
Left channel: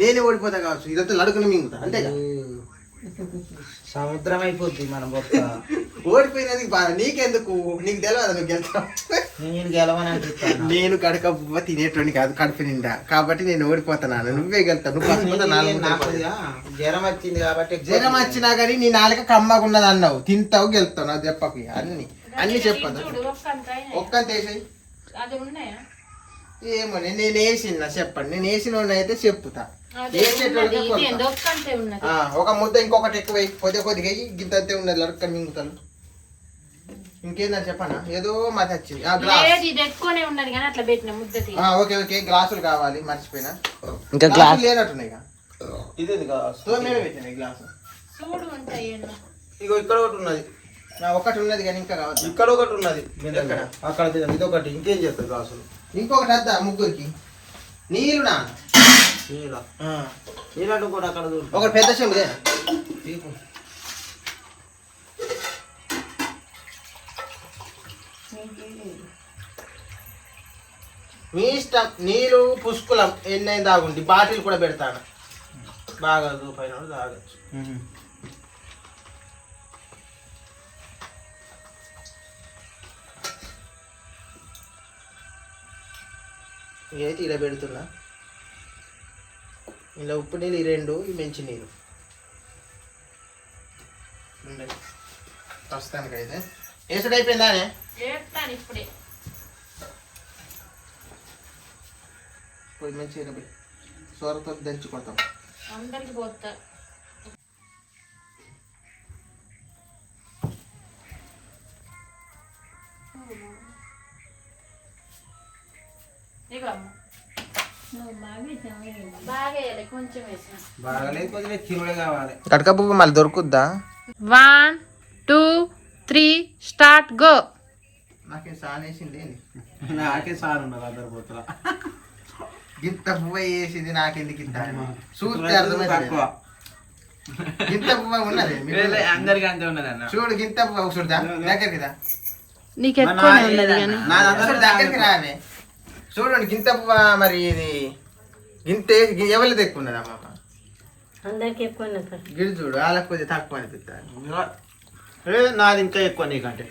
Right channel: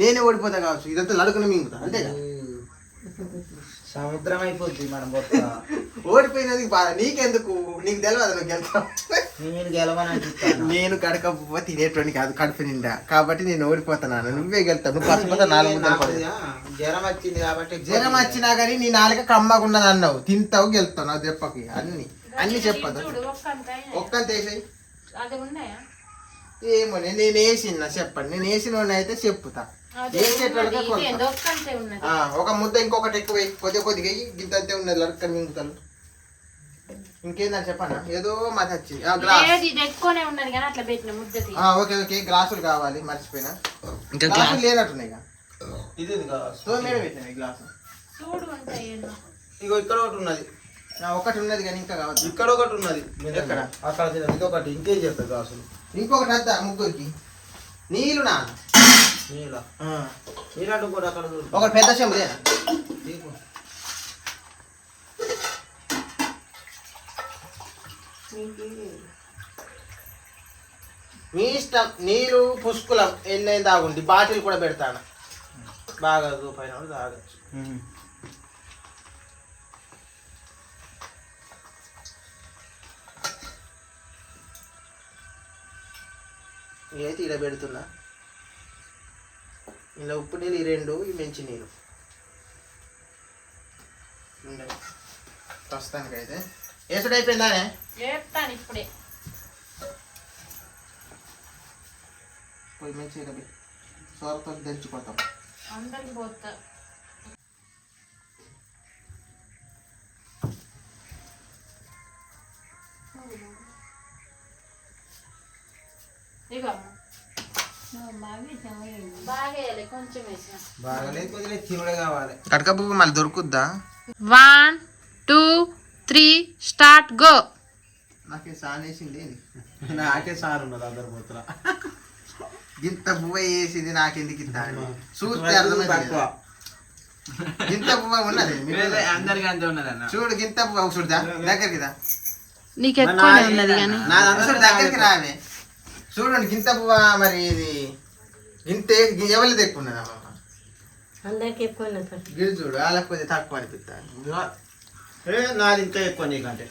నేనే ఓడిపోతా కావచ్చు. ఇదంతా లడుకుని మింగుతా, అంతే కదా. సముద్రం అయిపోద్ది మనం ఓడిపోయినది బాధ నీకెందుకు? నీకు తెలియదు నువ్వు గెలుతావు. నేను గెలవని నేను కడక తినేటువంటి కాదు, కడుపు నిండా. కాబట్టి నేను ఓడిపోతున్నాను, నువ్వే గెలుతావు. నువ్వు జ్వరం వచ్చింది కాబట్టి. జ్వరం వచ్చినా కానీ నీ నాలుక కమ్మకున్నది అన్నావు. తింటావు, గెలుతావు. నాకు చెప్పకు అన్ని చెప్పదు. ఒక్కంత వేసాయి. ఏమో నేను వేసిన చెప్పండి. నేను వేసిన అయితే చెప్పుతా. ఒక ముద్ద ఇంకొకటి ఎక్కువ కొద్దిగా గింతంతే ఉన్నది. లడక్కని మింగుతాను. ఇంకేందని చెప్పనా? ఏదో మాకు వచ్చింది. Okay okay. గ్లాసులు కావాలి, మర్చిపోయినా. ఇంకా గ్లాసు లేనట్టున్నాయి. గ్లాసు ఇగో ఇక్కడ ఒకటి ఉన్నది. ఒకటి ఉన్నది కానీ ఇంకా కావచ్చు. ఇక్కడ ఒకటి ఉన్నది, అక్కడ ఇదొకటి. ఇంకేం చేస్తారు గ్లాసులు? ఇంకొకటి వద్దా ముగ్గురికి? నీళ్ళు నాన్న. నీళ్ళు కూడా అక్కడ ఒకటి పెద్ద చెంబుదేనా? మీ ఇష్టం. నీళ్ళు పుష్కులం ఎన్నైనా తాగుండి. బాటిల్ కూడా పెడతాను. బాగా రూపాయన తాగచ్చు. ఇదైతే ఇలా పెడుతున్నా. ఇలా ఉప్పు నీళ్ళు ఈ 2, ఈ మంచి నీళ్ళు. ప్రస్తుతానికైతే వేసుడు అయిపోయిందానే. పోయి మంచిగా పోయి సొరతో దంచుకుంటాం. అందరికి పోతా. కడకపువ్వు మళ్ళీ దొరుకుద్దా? 1 2 3 స్టార్ట్ గో. నాకే సార్ వేసింది. నాకే సార్ ఉన్నది అందరు పోతున్నా. ఇంత పువ్వ వేసింది నాకెందుకు ఇస్తాను చూస్తే అర్థమైతే గింత పువ్వ ఉన్నది అందరికి అంతే ఉన్నది అన్న. చూడు గింత పువ్వ చూడదా దగ్గరికి రా నీకు ఎక్కువనే ఉన్నది కానీ చూడు దగ్గరికి రావే చూడండి గింత పువ్వ మరి ఇది గింత ఎవరిది ఎక్కువ ఉన్నది అమ్మమ్మ అందరికి ఎక్కువ గిడి చూడు వాళ్ళకి కొద్దిగా తక్కువ అనిపిస్తాను నాది ఇంకా ఎక్కువ నీకంటే.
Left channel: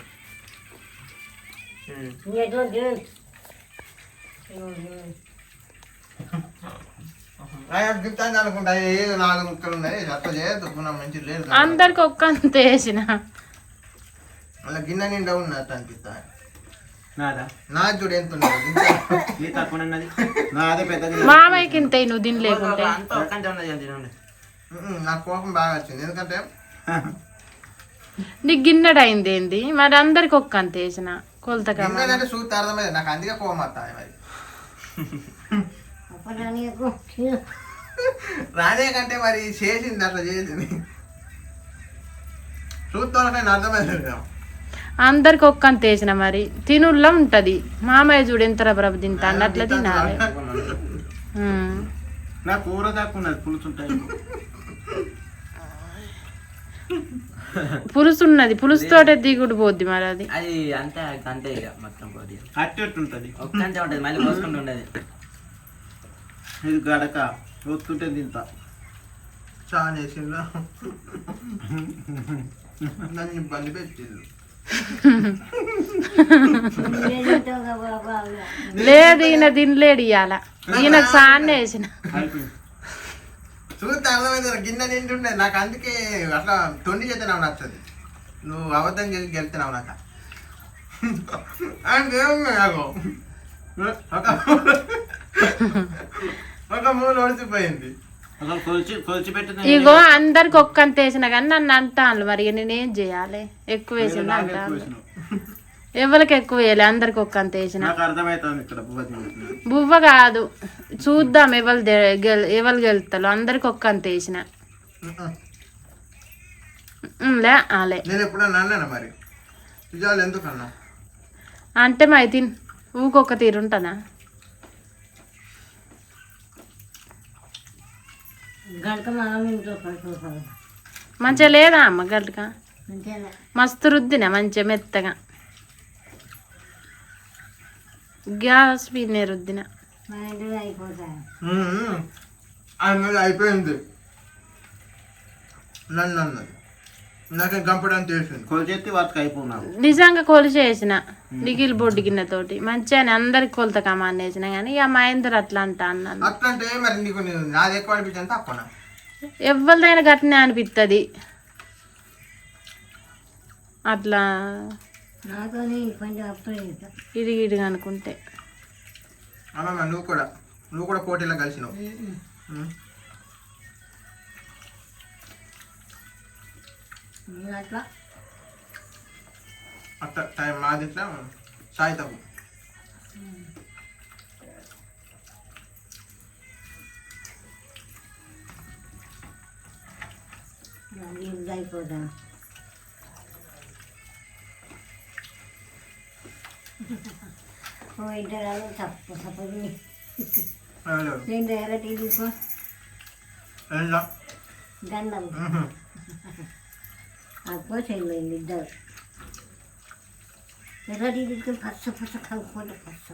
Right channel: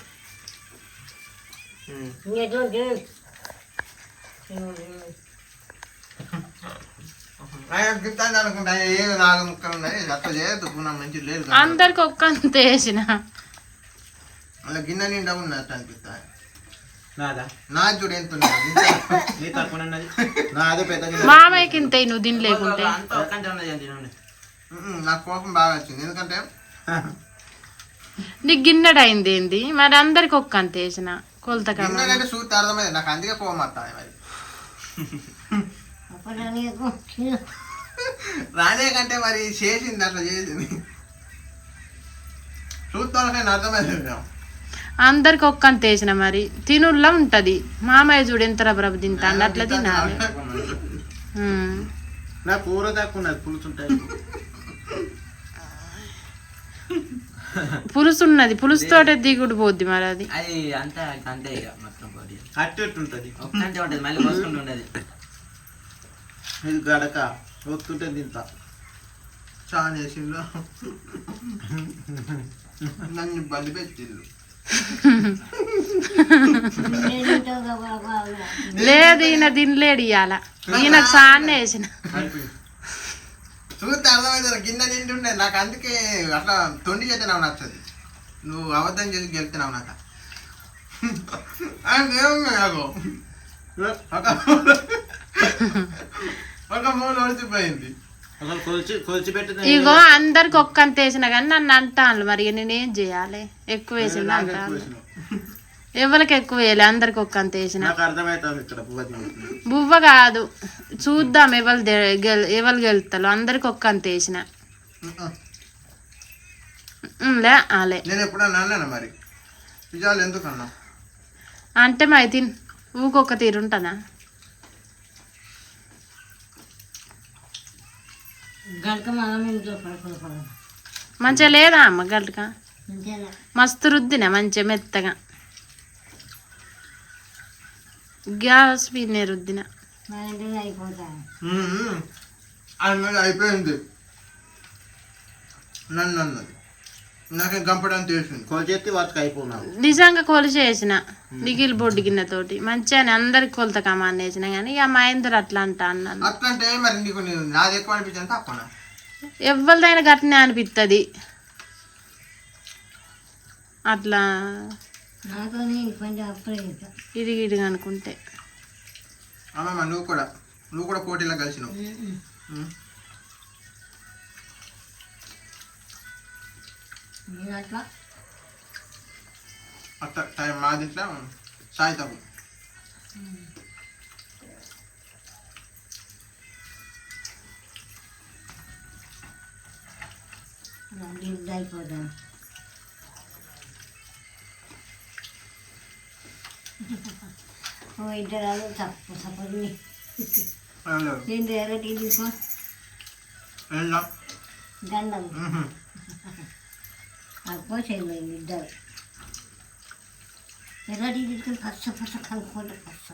ఆయన గిఫ్ట్ అనుకుంటా ఏది 4 ముక్కలు ఉన్నాయి అట్లా చేయదు మంచి లేదు అందరికి ఒక్కంత వేసిన అలా గిన్నె నిండా ఉన్నది అట్లా అనిపిస్తాను నాదా నా చూడు ఎంత ఉన్నది నీ తక్కువ ఉన్నది నాదే పెద్ద మామయ్యకి ఇంత నువ్వు దీని లేకుంటే అంతా ఒక్కంటే ఉన్నది అని తినండి. నాకు కోపం బాగా వచ్చింది ఎందుకంటే నీకు గిన్నెడు అయింది ఏంది మరి అందరికి ఒక్కంత వేసిన కొలత గిన్నెలంటే చూస్తే అర్థమైంది నాకు అందుకే కోపం వస్తాయి మరి రానే కంటే మరి చేసింది అట్లా చేసింది చూస్తాను అర్థమైంది అందరికి ఒక్కంత వేసిన మరి తినుల్లో ఉంటది మామయ్య చూడు ఎంత రబరబ తింటాడు అట్లా తినాలి నా కూర తక్కువ ఉన్నది పులుసు ఉంటాయి. పులుసు ఉన్నది పులుసుతోటే దిగుడు పోద్ది మరి అది అది అంతా అంతే ఇక మొత్తం కొద్ది అట్టెట్టు ఉంటుంది. ఒక్కంటే ఉంటుంది మళ్ళీ పోసుకుంటూ ఉండదు. ఇది గడక వస్తుంటే తింటా. చాలా చేసిందా నన్ను ఇబ్బంది పెట్టిండు లేదు ఈయన తినలేడు ఇవాళ ఈయనకు సాన్నే వేసిన చూస్తే అర్థమైంది గిన్నె తింటుండే నాకు అందుకే అట్లా తొండి చేస్తే నాకు నచ్చదు నువ్వు అబద్ధం చేసి గెలుతున్నావు నాకు నాకు ఒక మూడు ఒడిచిపోయింది అసలు కొలిచి పెట్టిన ఇగో అందరికి ఒక్కంత వేసిన కానీ నన్ను అంటాను మరి నేనేం చేయాలి ఎక్కువ వేసింది అంటాను ఎవరికి ఎక్కువ వేయాలి అందరికి ఒక్కంత వేసిన నాకు అర్థమవుతుంది ఇక్కడ బువ్వ కాదు చూద్దాం ఎవరు గెలుతారు అందరికి ఒక్కంత వేసిన లే ఆలే నేను ఎప్పుడన్నా అన్నాను మరి నిజాలు ఎందుకన్నా అంటే మరి తిన్ ఊకొక్క తీరు ఉంటుందా మంచిగా లేదా అమ్మ గల్క మస్తు రుద్దిన మంచిగా మెత్తగా గ్యాస్ మీద రుద్దిన అయిపోయింది నన్ను అన్నది నాకేం కంపడానికి తెలిసింది కొలిచేసి వాటికి అయిపోయినాను. నిజంగా కొలిచి వేసిన నిగిలి బొడ్డు గిన్నెతోటి మంచిగా అందరికి కొలత కమాన్ వేసిన కానీ ఇక మహేందర్ అట్లా అంటా అన్నాను అట్లా అంటే మరి నీకు నాది ఎక్కువ అనిపించింది తక్కువ ఎవరిదైనా గట్టినే అనిపిస్తుంది అట్లా ఇది ఇదిగా అనుకుంటే అమ్మమ్మ నువ్వు కూడా పోటీలో కలిసినావు అట్లా టైం మాది ఇట్లా సాయి తప్పు దండలు అబ్బో చెల్లింది ఇద్దరు ఎర్రటి తీసుకుని పచ్చ కలుపుకుంటే పచ్చ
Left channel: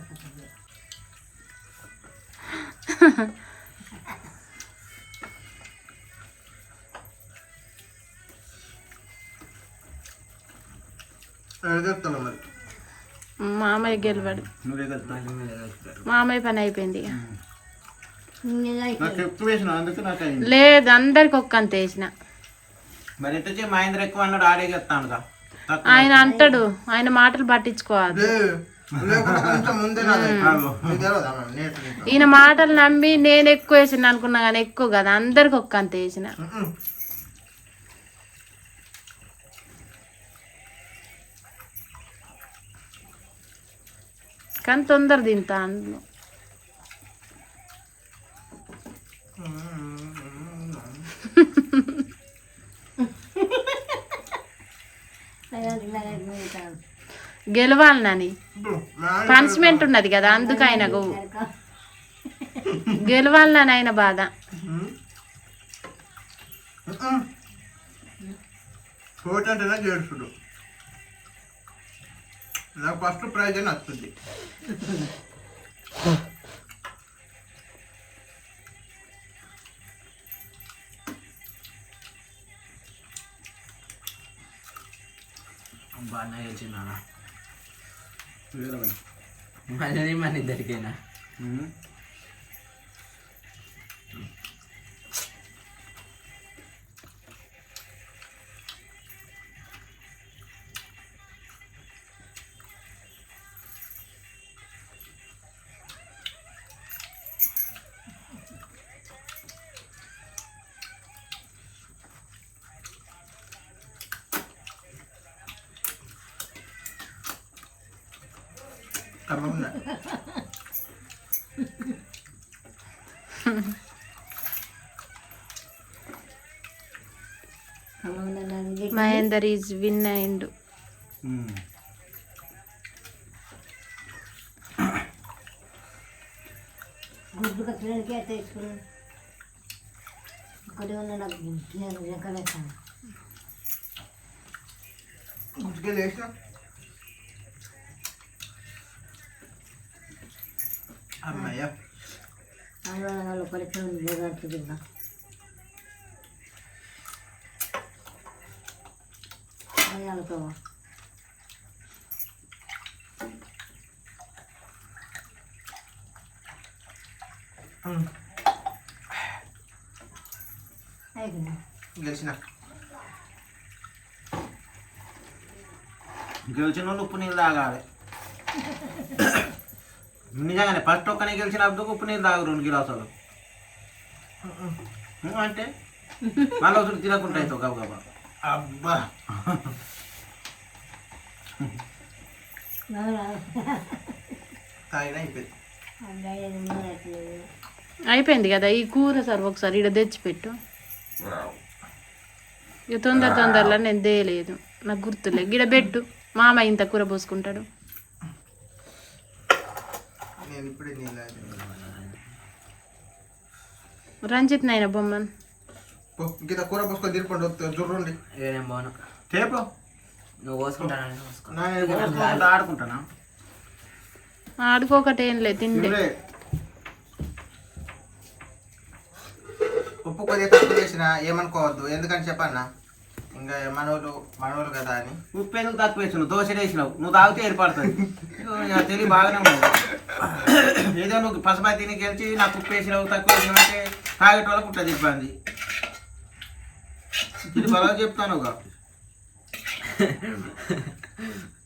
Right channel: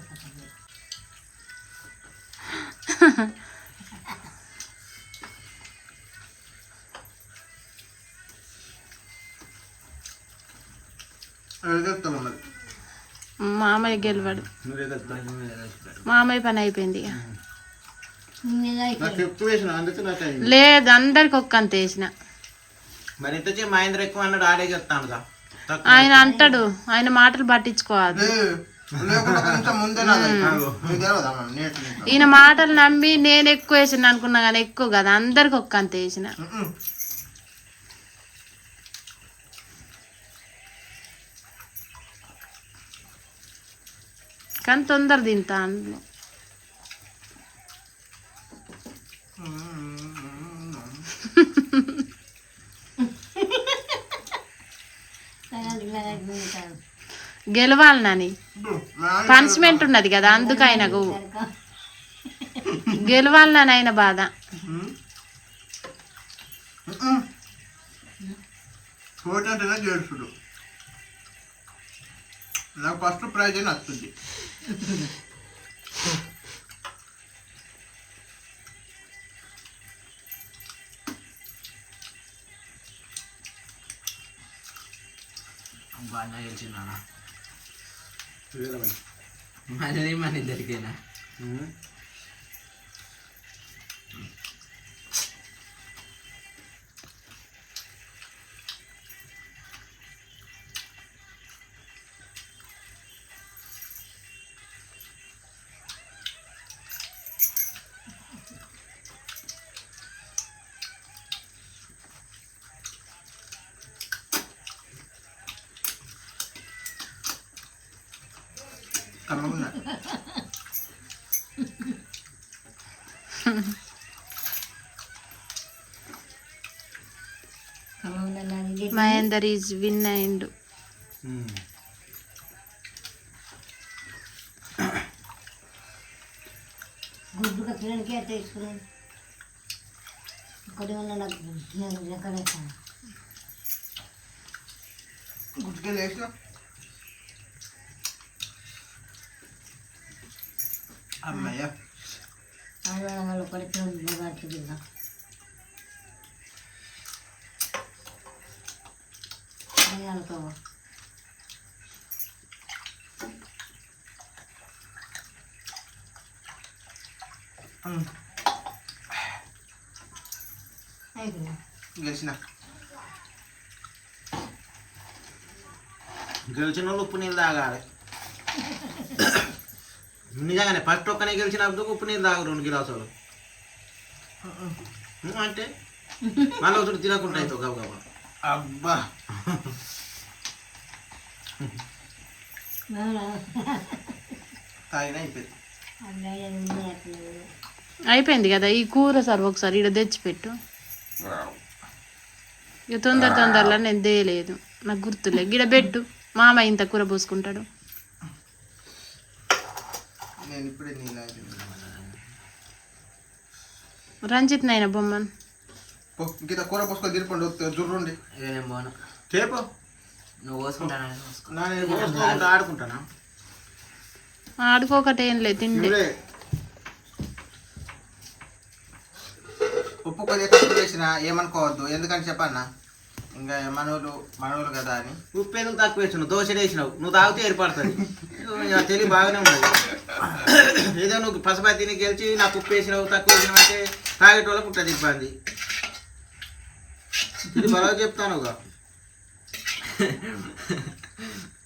చెప్తున్నా మరి మామయ్య గెలవాడు నువ్వే కదా మామయ్య పని అయిపోయింది ఇక నాకు ఎక్కువ వేసిన అందుకే నాకు అయింది. లేదు అందరికి ఒక్కంత వేసిన మరి ఎట్ట చేయి మహేంద్ర ఎక్కువ అన్నాడు ఆడే చెప్తాను ఆయన అంటాడు ఆయన మాటలు పట్టించుకోవాలి లేకుండా కొంచెం ముందే నాది. నీకు తెలియదా మరి నేర్చుకుంటా. ఈయన మాటలు నమ్మి నేను ఎక్కువ వేసిన అనుకున్నా కానీ ఎక్కువ కదా అందరికి ఒక్కంత వేసిన కానీ తొందర తింటా అందులో గెలవాలి నాని పనిష్మెంట్ ఉన్నది కదా అందుకు ఆయనకు గెలవాలని ఆయన బాధ. పోటీ అంటేనే గెలుచుడు. నాకు ఫస్ట్ ప్రైజ్ అని వస్తుంది. అబ్బా అన్న గెలిచిందా మనది మన ఇద్దరికైనా. కమ్మగున్నా. మహేందర్ ఈజ్ విన్ అయిండు. గుడ్డు కట్టడానికి అట్లా వేసుకున్నాను. ఇక్కడ ఉన్న నాకు ఎక్కడ గుడ్డుకి లేచిన అమ్మయ్య. వాళ్ళు పడుతుంది. అనుకో గెలిచిన వాళ్ళు ఉప్పు నీళ్ళు తాగాలి. నిజంగానే ఫస్ట్ ఒక్కనే గెలిచినప్పుడు ఉప్పు నీళ్ళు తాగు 2 గిలాసులు అంటే మళ్ళీ ఒకటి తినకుండా అవుతావు గబగబా. అబ్బా తాగిన అయిపోయింది. అయిపోయింది కదా ఈ కూర. సార్ ఒకసారి ఇక్కడ తెచ్చిపెట్టు. ఇక తొందరలో నేను తేయలేదు, నాకు గుర్తులే. గిడ పెట్టు, మామ ఇంత కూర పోసుకుంటాడు. నేను ఇప్పుడే నీళ్ళు రంజిత్ నాయన బొమ్మన్ ఇంత కూర పోసుకొని తిరుపండి జుర్రండి. నేను పోను. చేపో నువ్వు పోసుకుంటానని పోసుకో. ఆడుకుంటానా? ఆడుకోకటి ఏం లేదు, తిండే. ఉప్పు కొద్దిగా తక్కువ వేసిన ఏమనుకోవద్దు, ఎందుకని చెప్పన్నా ఇంకా మనోళ్ళు కదా అని. ఉప్పు ఎందుకు తక్కువ వేసినావు? దోశ వేసినావు, నువ్వు తాగితే ఏర్పడుతుంది. తెలివి బాగానే ఉన్నది. ఏదో నువ్వు పసపతిని గెలిచి నాకు ఉప్పు వేసినావు తక్కువ వేసినావు అంటే తాగేటోళ్ళకు ఉంటుంది ఇబ్బంది. ఇది బాగా చెప్తాను,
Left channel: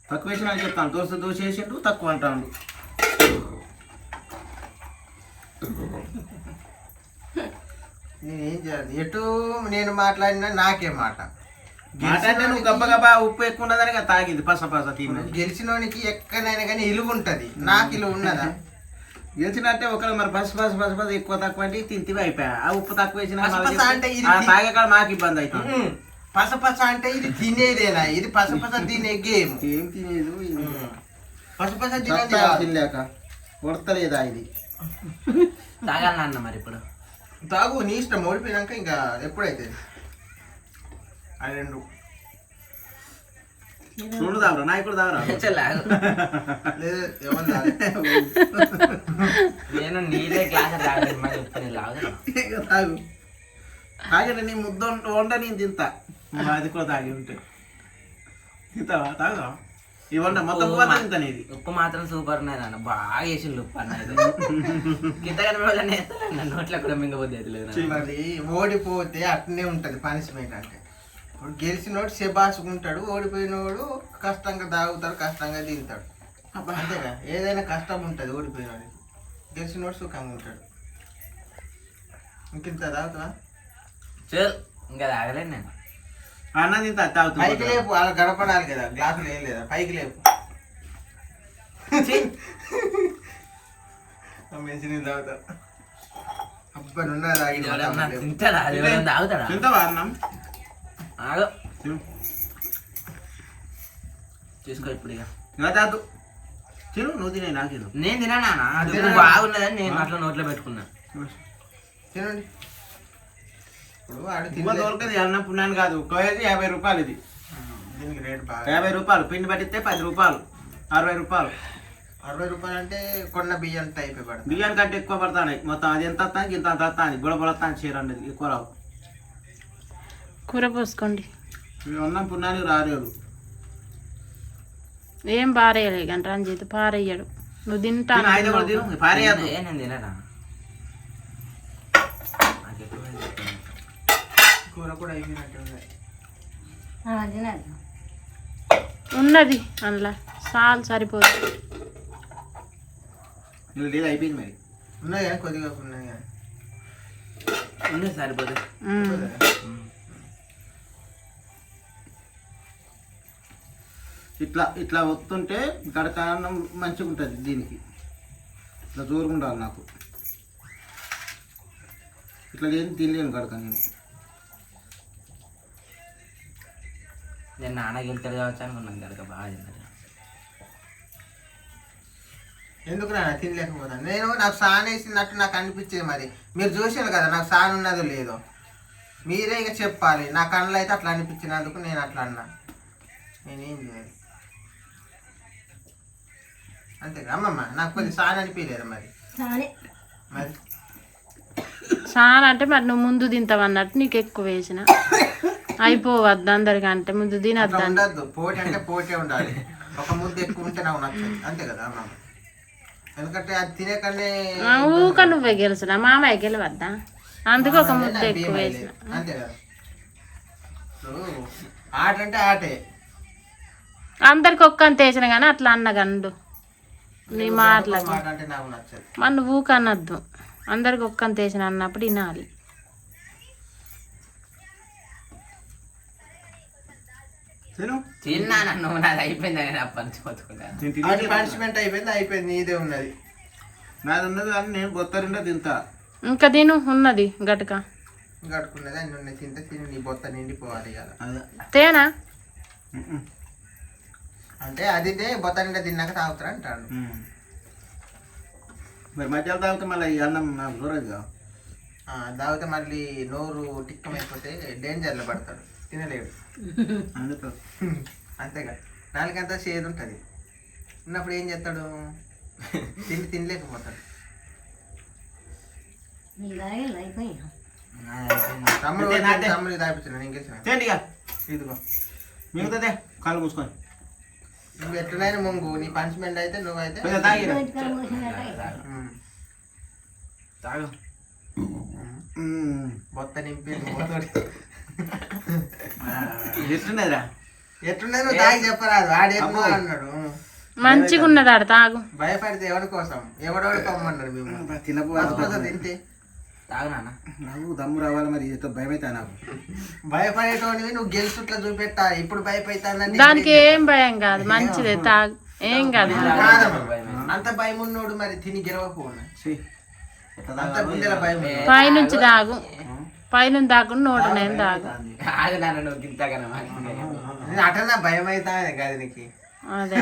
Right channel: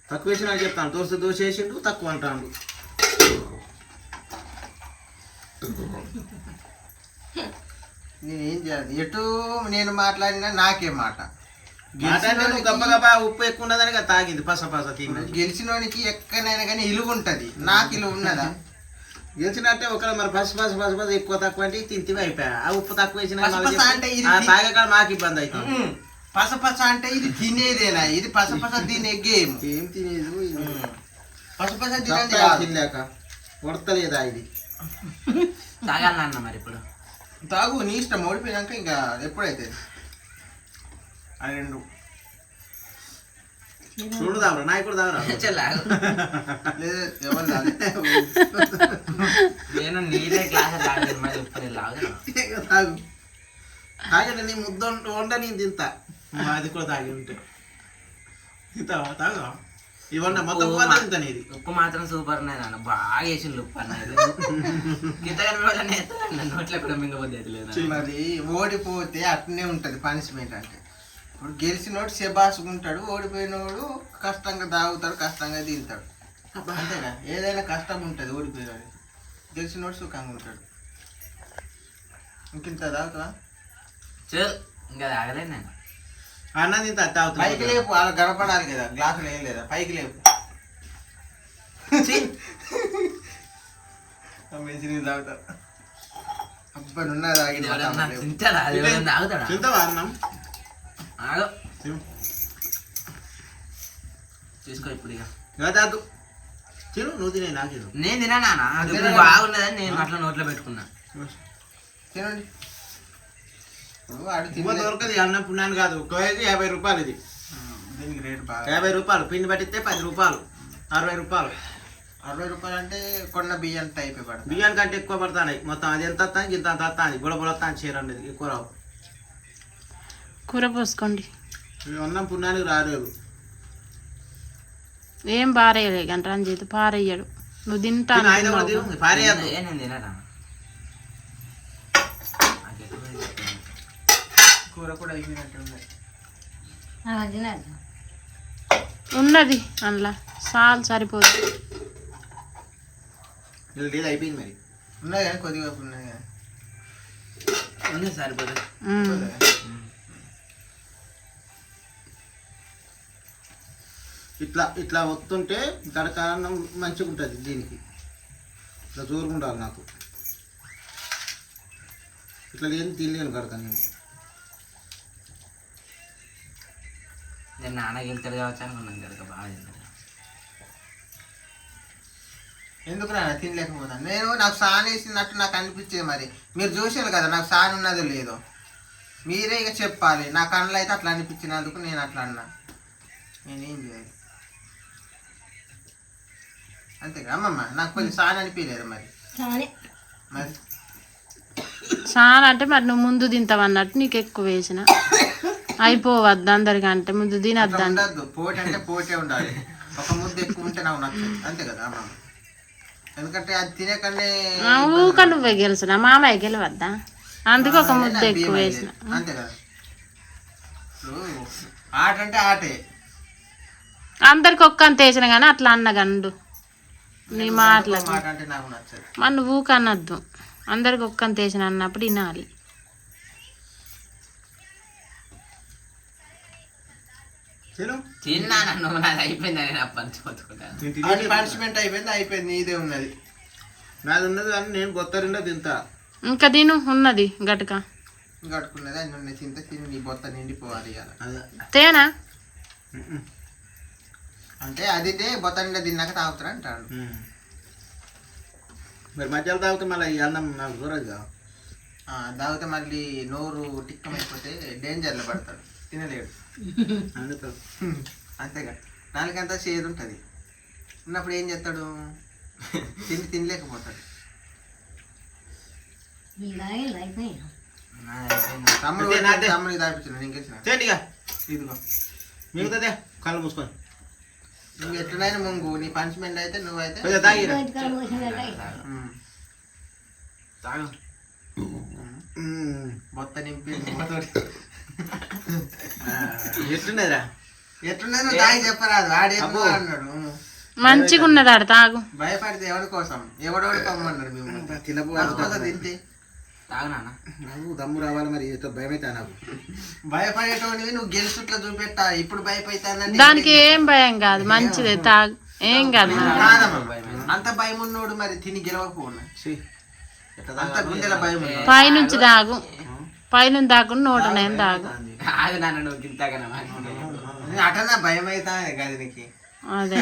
తక్కువ వేసినా చెప్తాను. దోశ వేసిండు తక్కువ అంటాను. నేనేం చేయాలి? ఎటు నేను మాట్లాడినా నాకే మాట. మాట్లాడితే నువ్వు గబ్బ ఉప్పు ఎక్కువ ఉన్నదని కదా తాగింది పస తిన్న. గెలిచినోనికి ఎక్కడైనా కానీ ఇలువ ఉంటది, నాకు ఇలువ ఉన్నదా? గెలిచినట్టే ఒకరు మరి బస్ ఎక్కువ తక్కువ అంటే తింటివి అయిపోయా. ఆ ఉప్పు తక్కువ వేసిన అంటే తాగే కాడ మాకు ఇబ్బంది అవుతుంది. పసపస అంటే ఇది తినేదేనా? ఇది పసపస తినే గేమ్. ఏం తినేది పసపస తినేది తినలేక కొడతలేదా ఇది? తాగాలన్నా మరి ఇప్పుడు తాగు, నీ ఇష్టం. ఓడిపోయినాక ఇంకా ఎప్పుడైతే ఆ 2 చూడు తాగరా, నాయకుడు తాగరా. లేదు ఎవరు తాగు. నేను నీళ్ళే గ్లాస్ తాగలేదు, మరి ఉప్పు నీళ్ళు తాగు తాగండి. నీ ముద్ద వండ నేను తింటా. అది కూడా తాగి ఉంటే తింటావా? తాగుదా? ఇవ్వండి మొత్తం తింటా. ఇది ఉప్పు మాత్రం సూపర్ ఉన్నది అన్న, బాగా వేసింది ఉప్పు అన్నది. కిందగానే నోట్లో కూడా మింగబోద్ది లేదు. మరి ఓడిపోతే అట్నే ఉంటది పనిష్మెంట్. అంటే ఇప్పుడు గెలిచినోడు శబాసుకుంటాడు, ఓడిపోయినోడు కష్టంగా తాగుతాడు, కష్టంగా తింటాడు. అంతేగా, ఏదైనా కష్టం ఉంటుంది ఓడిపోయినోడికి. గెలిచినోడు సుఖంగా ఉంటాడు. ఇంకింత తాగుతావా? ఇంకా తాగలేదు నేను. అన్న తింటా తాగుతా. పైకి లేపు, అలా గడపడానికి కదా, గ్లాసులు ఏం లేదా, పైకి లేపు. మంచి నీళ్ళు తాగుతారు. అబ్బా నున్నా తింటాడా? తాగుతాడా? తింటావా అన్నం? ఆగో చూసుకో ఇప్పుడు. ఇక తిను, నువ్వు తినే నాకు నేను తినా నాన్న, అది బాగున్నదని నేను అట్లా నోట్లో పెట్టుకున్నా. తినండి. ఇప్పుడు వాడు ఇవ్వ తినలేదు. దొరకదు అన్న పుణ్యాన్ని కాదు కేజీ 50 రూపాయలు ఇది. దీనికి రేటు బాగా 50 రూపాయలు పిండి పట్టిస్తే 10 రూపాయలు 60 రూపాయలు. 60 రూపాయలు అంటే కొన్న బియ్యం అయిపోయి పడుతుంది. బియ్యానికి కంటే ఎక్కువ పడతాయి మొత్తం. అది ఎంత వస్తాయి ఇంత అంత వస్తాయి. బుడబుడతాను చీర అనేది ఎక్కువ రావు. కూర పోసుకోండి. మేము అన్నం పుణ్యానికి రాలేదు. ఏం పారేయలే కానీ రంజిత్ పారేయడు. నువ్వు తింటా తిను, అయితే కూడా తిను. పారేయద్దు. నేను తినరా నాకు ఎక్కువ ఇష్టం. కూర కూడా అయిపోయినట్టు ఉంది. తినాలి. ఉన్నది అందులో చాలు సరిపోతుంది. ఇది అయిపోయింది మరి. ఉన్నాయి కానీ కొద్దిగా ఉన్నాయి కానీ ఉంది సరిపోతుంది. ఇట్లా ఇట్లా వస్తుంటే గడక అన్నం మంచిగా ఉంటుంది. దీనికి ఇట్లా జోరుగా ఉండాలి నాకు. ఇట్లా లేదు తినలేను గడక నేను. నేను నాన్నకి వెళ్తాడు కావచ్చు అనుకున్నాను కనుక బాగా తిన్నాను. ఎందుకు నాన్న తినలేకపోతాను నేను. నాకు సాన్ వేసినట్టు నాకు అనిపించేది. మరి మీరు చూసారు కదా నాకు సాన్ ఉన్నదో లేదో. మీరే ఇక చెప్పాలి. నా కళ్ళు అయితే అట్లా అనిపించినందుకు నేను అట్లా అన్నా. నేనేం చేయాలి అంతేగా అమ్మమ్మ. నాకు కొద్దిగా సాన్ అనిపించలేదు మరి. కానీ మరి చాలా అంటే మరి నువ్వు ముందు తింటావు అన్నట్టు నీకు ఎక్కువ వేసిన అయిపోవద్దు అందరికంటే ముందు అట్లా తినద్దు. ఉండద్దు. పోటీ అంటే పోటీ ఉండాలి. ఒక ముద్ద ఎక్కువ ఉంటే నాకు నచ్చదు. అంతే కదా అమ్మమ్మ. ఎందుకంటే అది తినే కన్నా ఊక నువ్వే గెలిచిన మామయ్య గెలవద్దా, అందుకే ఒక ముద్ద ఎక్కువ వేసిన. అంతే కదా. ఇప్పుడు ఆట అంటే ఆటే. అందరికి ఒక్క అంత వేసిన కానీ అట్లా అన్నగండు నీ మాటలకి. మాట అంటే నాకు నచ్చదు. మన ఊక అనద్దు. అందరికి ఒక్క అంత వేసిన అన్నప్పుడు వినాలి. తిను. తిన్నా నన్ను నాది అయిపోయిందని నేను అప్పటి పోతుకుంటాను. నేను అది తిని పనిష్మెంట్ అయిపోయింది. నీదే ఉన్నది. నాది ఉన్నది కానీ నేను కొత్త రెండో తింటా. ఇంకా తిను ఉన్నది గటుక కట్టుకున్నది అన్ని ఉన్నాయి. తింటే తిని నీ బొత్త నిండిపోవాలి ఇవాళ. అదే. తేనా అంటే అది బొత్త నిండా తిన్నాక తాగుతారు అంటాడు. మరి మధ్యలో తాగితే మళ్ళీ ఈ అన్నం నాకు దూరంగా. తాగితే మళ్ళీ నోరు టిక్కమైపోతే డేంజర్లో పడతాడు. తినలేడు. అందుకు అంతేగా. నాలుగంతా చేదు ఉంటుంది. ఉన్నప్పుడు ఏం చేస్తాడు? తినలేకపోతాడు. అయిపోయినా తమ్ముడు అంతే, అంతే. తమ్ముడికి తాపించిన ఇంకేసిన చేయండి ఇక. ఇదిగో. మిగతాదే కళ్ళు మూసుకొని నువ్వు ఎట్లనైనా ముంగు. నీ పనిష్మెంట్ అయితే నువ్వైతే కొంచెం తాగిరా. తాగు. బొత్త నింపి ఎట్లున్నదిరా? ఎట్లున్నది నువ్వు తాగి చెప్పరాదు. ఆడేమో అన్నాడు. మంచిగా ఉన్నది ఆడ తాగు. భయపడితే ఎవరి కోసం ఎవడోడు పమ్మన్నాడు. మేము తినబోదు తింటే తాగు నాన్న. నాకు దమ్ము రావాలి మరి. ఏదో భయం అవుతా నాకు. భయపడేటోనివి నువ్వు గెలుచుట్లా చూపెట్టా. ఇప్పుడు భయపడతానంటే దానికి ఏం భయం కాదు, మంచిదే తాగు, ఏం కాదు. అంత భయం ఉన్నోడు మరి తిని గెలవకపోనా? ఛీ, ఎట్లా అంత తాగాలో గుండెల భయం ఉన్నోడు. పైనుంచి తాగు, పైనుంచి తాకుండా నోటనేం తాగు. అది నాన్న నువ్వు తింటాకన్నా మాకు నేను అటన్నా భయం అవుతా కాదు నీకు. అదే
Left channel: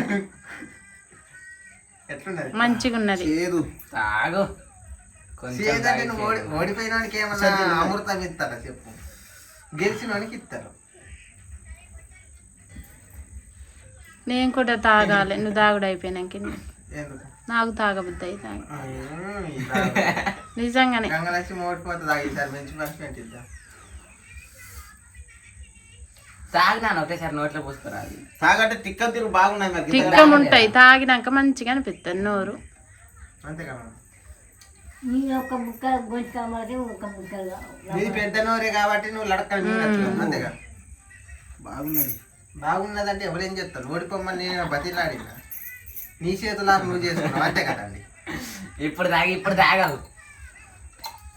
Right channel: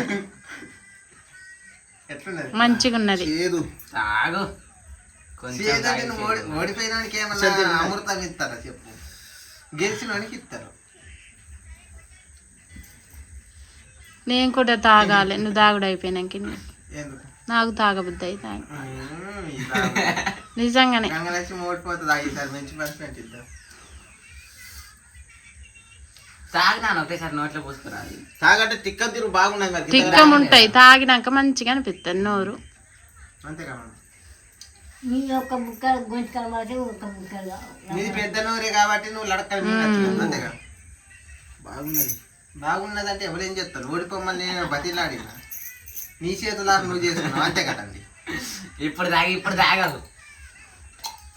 ఎట్లున్నది? మంచిగా ఉన్నది. చేదు. తాగు. కొంచెం చేదంటే తాగి నువ్వు ఓడిపోయిన వానికి ఏమన్నా అమృతం ఇస్తారా చెప్పు? గెలిచిన వానికి ఇస్తారు. నేను కూడా తాగాలి. నువ్వు తాగుడు అయిపోయినాక ఎందుకు? నాకు తాగబుద్ది అయితే ఇలా నిజంగానే. గంగలక్ష్మి ఓడిపోతుంది. ఈసారి మంచి పనిష్మెంట్ ఇద్దాం. తాగు నాన్న ఒకటేసారి నోట్లో పోసుకురాదు. తాగంటే తిక్క తిరు బాగున్నాయి మరి. తిక్కం ఉంటాయి. తాగినాక మంచిగా అనిపిస్తుంది నోరు. అంతేకమ్మా. నీ ఒక్క ముక్క గొంతుకల మాట ఒక్క ముక్క నీది పెద్ద నోరే కాబట్టి నువ్వు లడక్కలు మింగచ్చు. అంతేగా. బాగున్నది. బాగున్నదంటే ఎవరేం చెప్తారు? ఓడిపోమని నేను బతిలాడినా. నీ చేతులారు నువ్వు చేసుకున్నావు. అంతే కదండి. ఇప్పుడు తాగవు.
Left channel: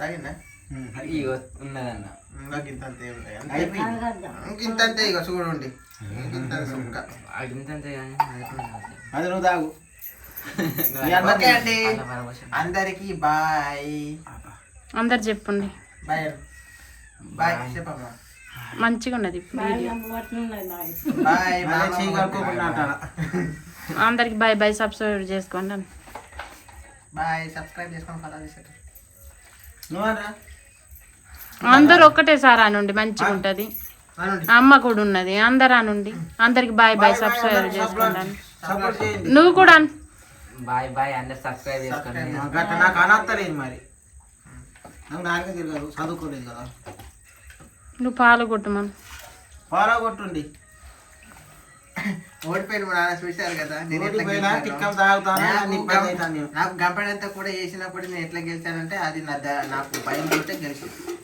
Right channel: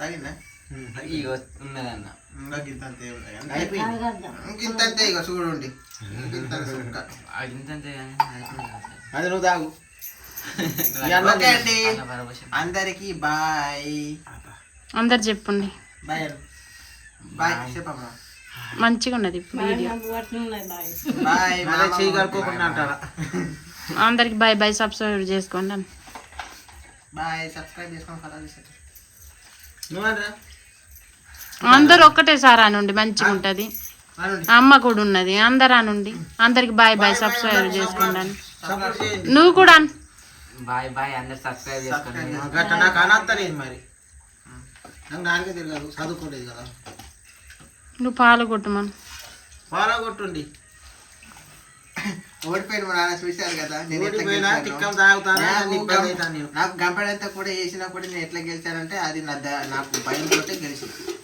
తగిందా? ఇగో ఉన్నదన్న. ఇంతంతే ఉంటాయి. అయిపోయింది. ఇంతంతే ఇక చూడండి. ఇంత సుక్క. ఇంతంతే కానీ అది నువ్వు తాగు. ఓకే అండి. అందరికి బాయ్. అందరు చెప్పండి బాయ్. బాయ్ చెప్పమ్మా. మంచిగా ఉన్నది ఇప్పుడు వీడియో. బాయ్. మళ్ళీ చెయ్యి కలుపుకోకుండా అంటారా? అందరికి బాయ్ బాయ్. సబ్స్క్రైబ్ చేసుకోండి. బాయ్. సబ్స్క్రైబ్ చేసుకొని ఫాలో చేసేది. నువ్వరా అందరు ఒక్కటేసారి అనుండి మంచిగా ఉంటది. అమ్మ కూడా ఉన్నది, అందరు అనుండి. అందరికి బాయ్ బాయ్, సబ్స్క్రైబ్ చేసుకోండి. సపోర్ట్ చేయండి. నువ్వు కూడా అను. బాయ్ బాయ్, అందరు సబ్స్క్రైబ్ చేసుకోండి. గట్ట నాకు అనత్తలేదు మరి, నాకు నాకే తిరగదు, చదువుకోలేదు కదా. నువ్వు పాలు కొట్టమను. ఫాలో కొట్టుండి. ఓడిపోయిన మా నాన్న చూశారు కదా నేను ఎట్లా ఓడిపోయినా గెలిచానో. కిక్కలు తాగుతాను, నాకు నీకు గం- పని అవుతాను నేను. నాకు గంపడంతా కూడా వేసినా కూడా నేను ఎట్లా గెలిచానంటే అది నాకు భయం తోటే గెలిచింది.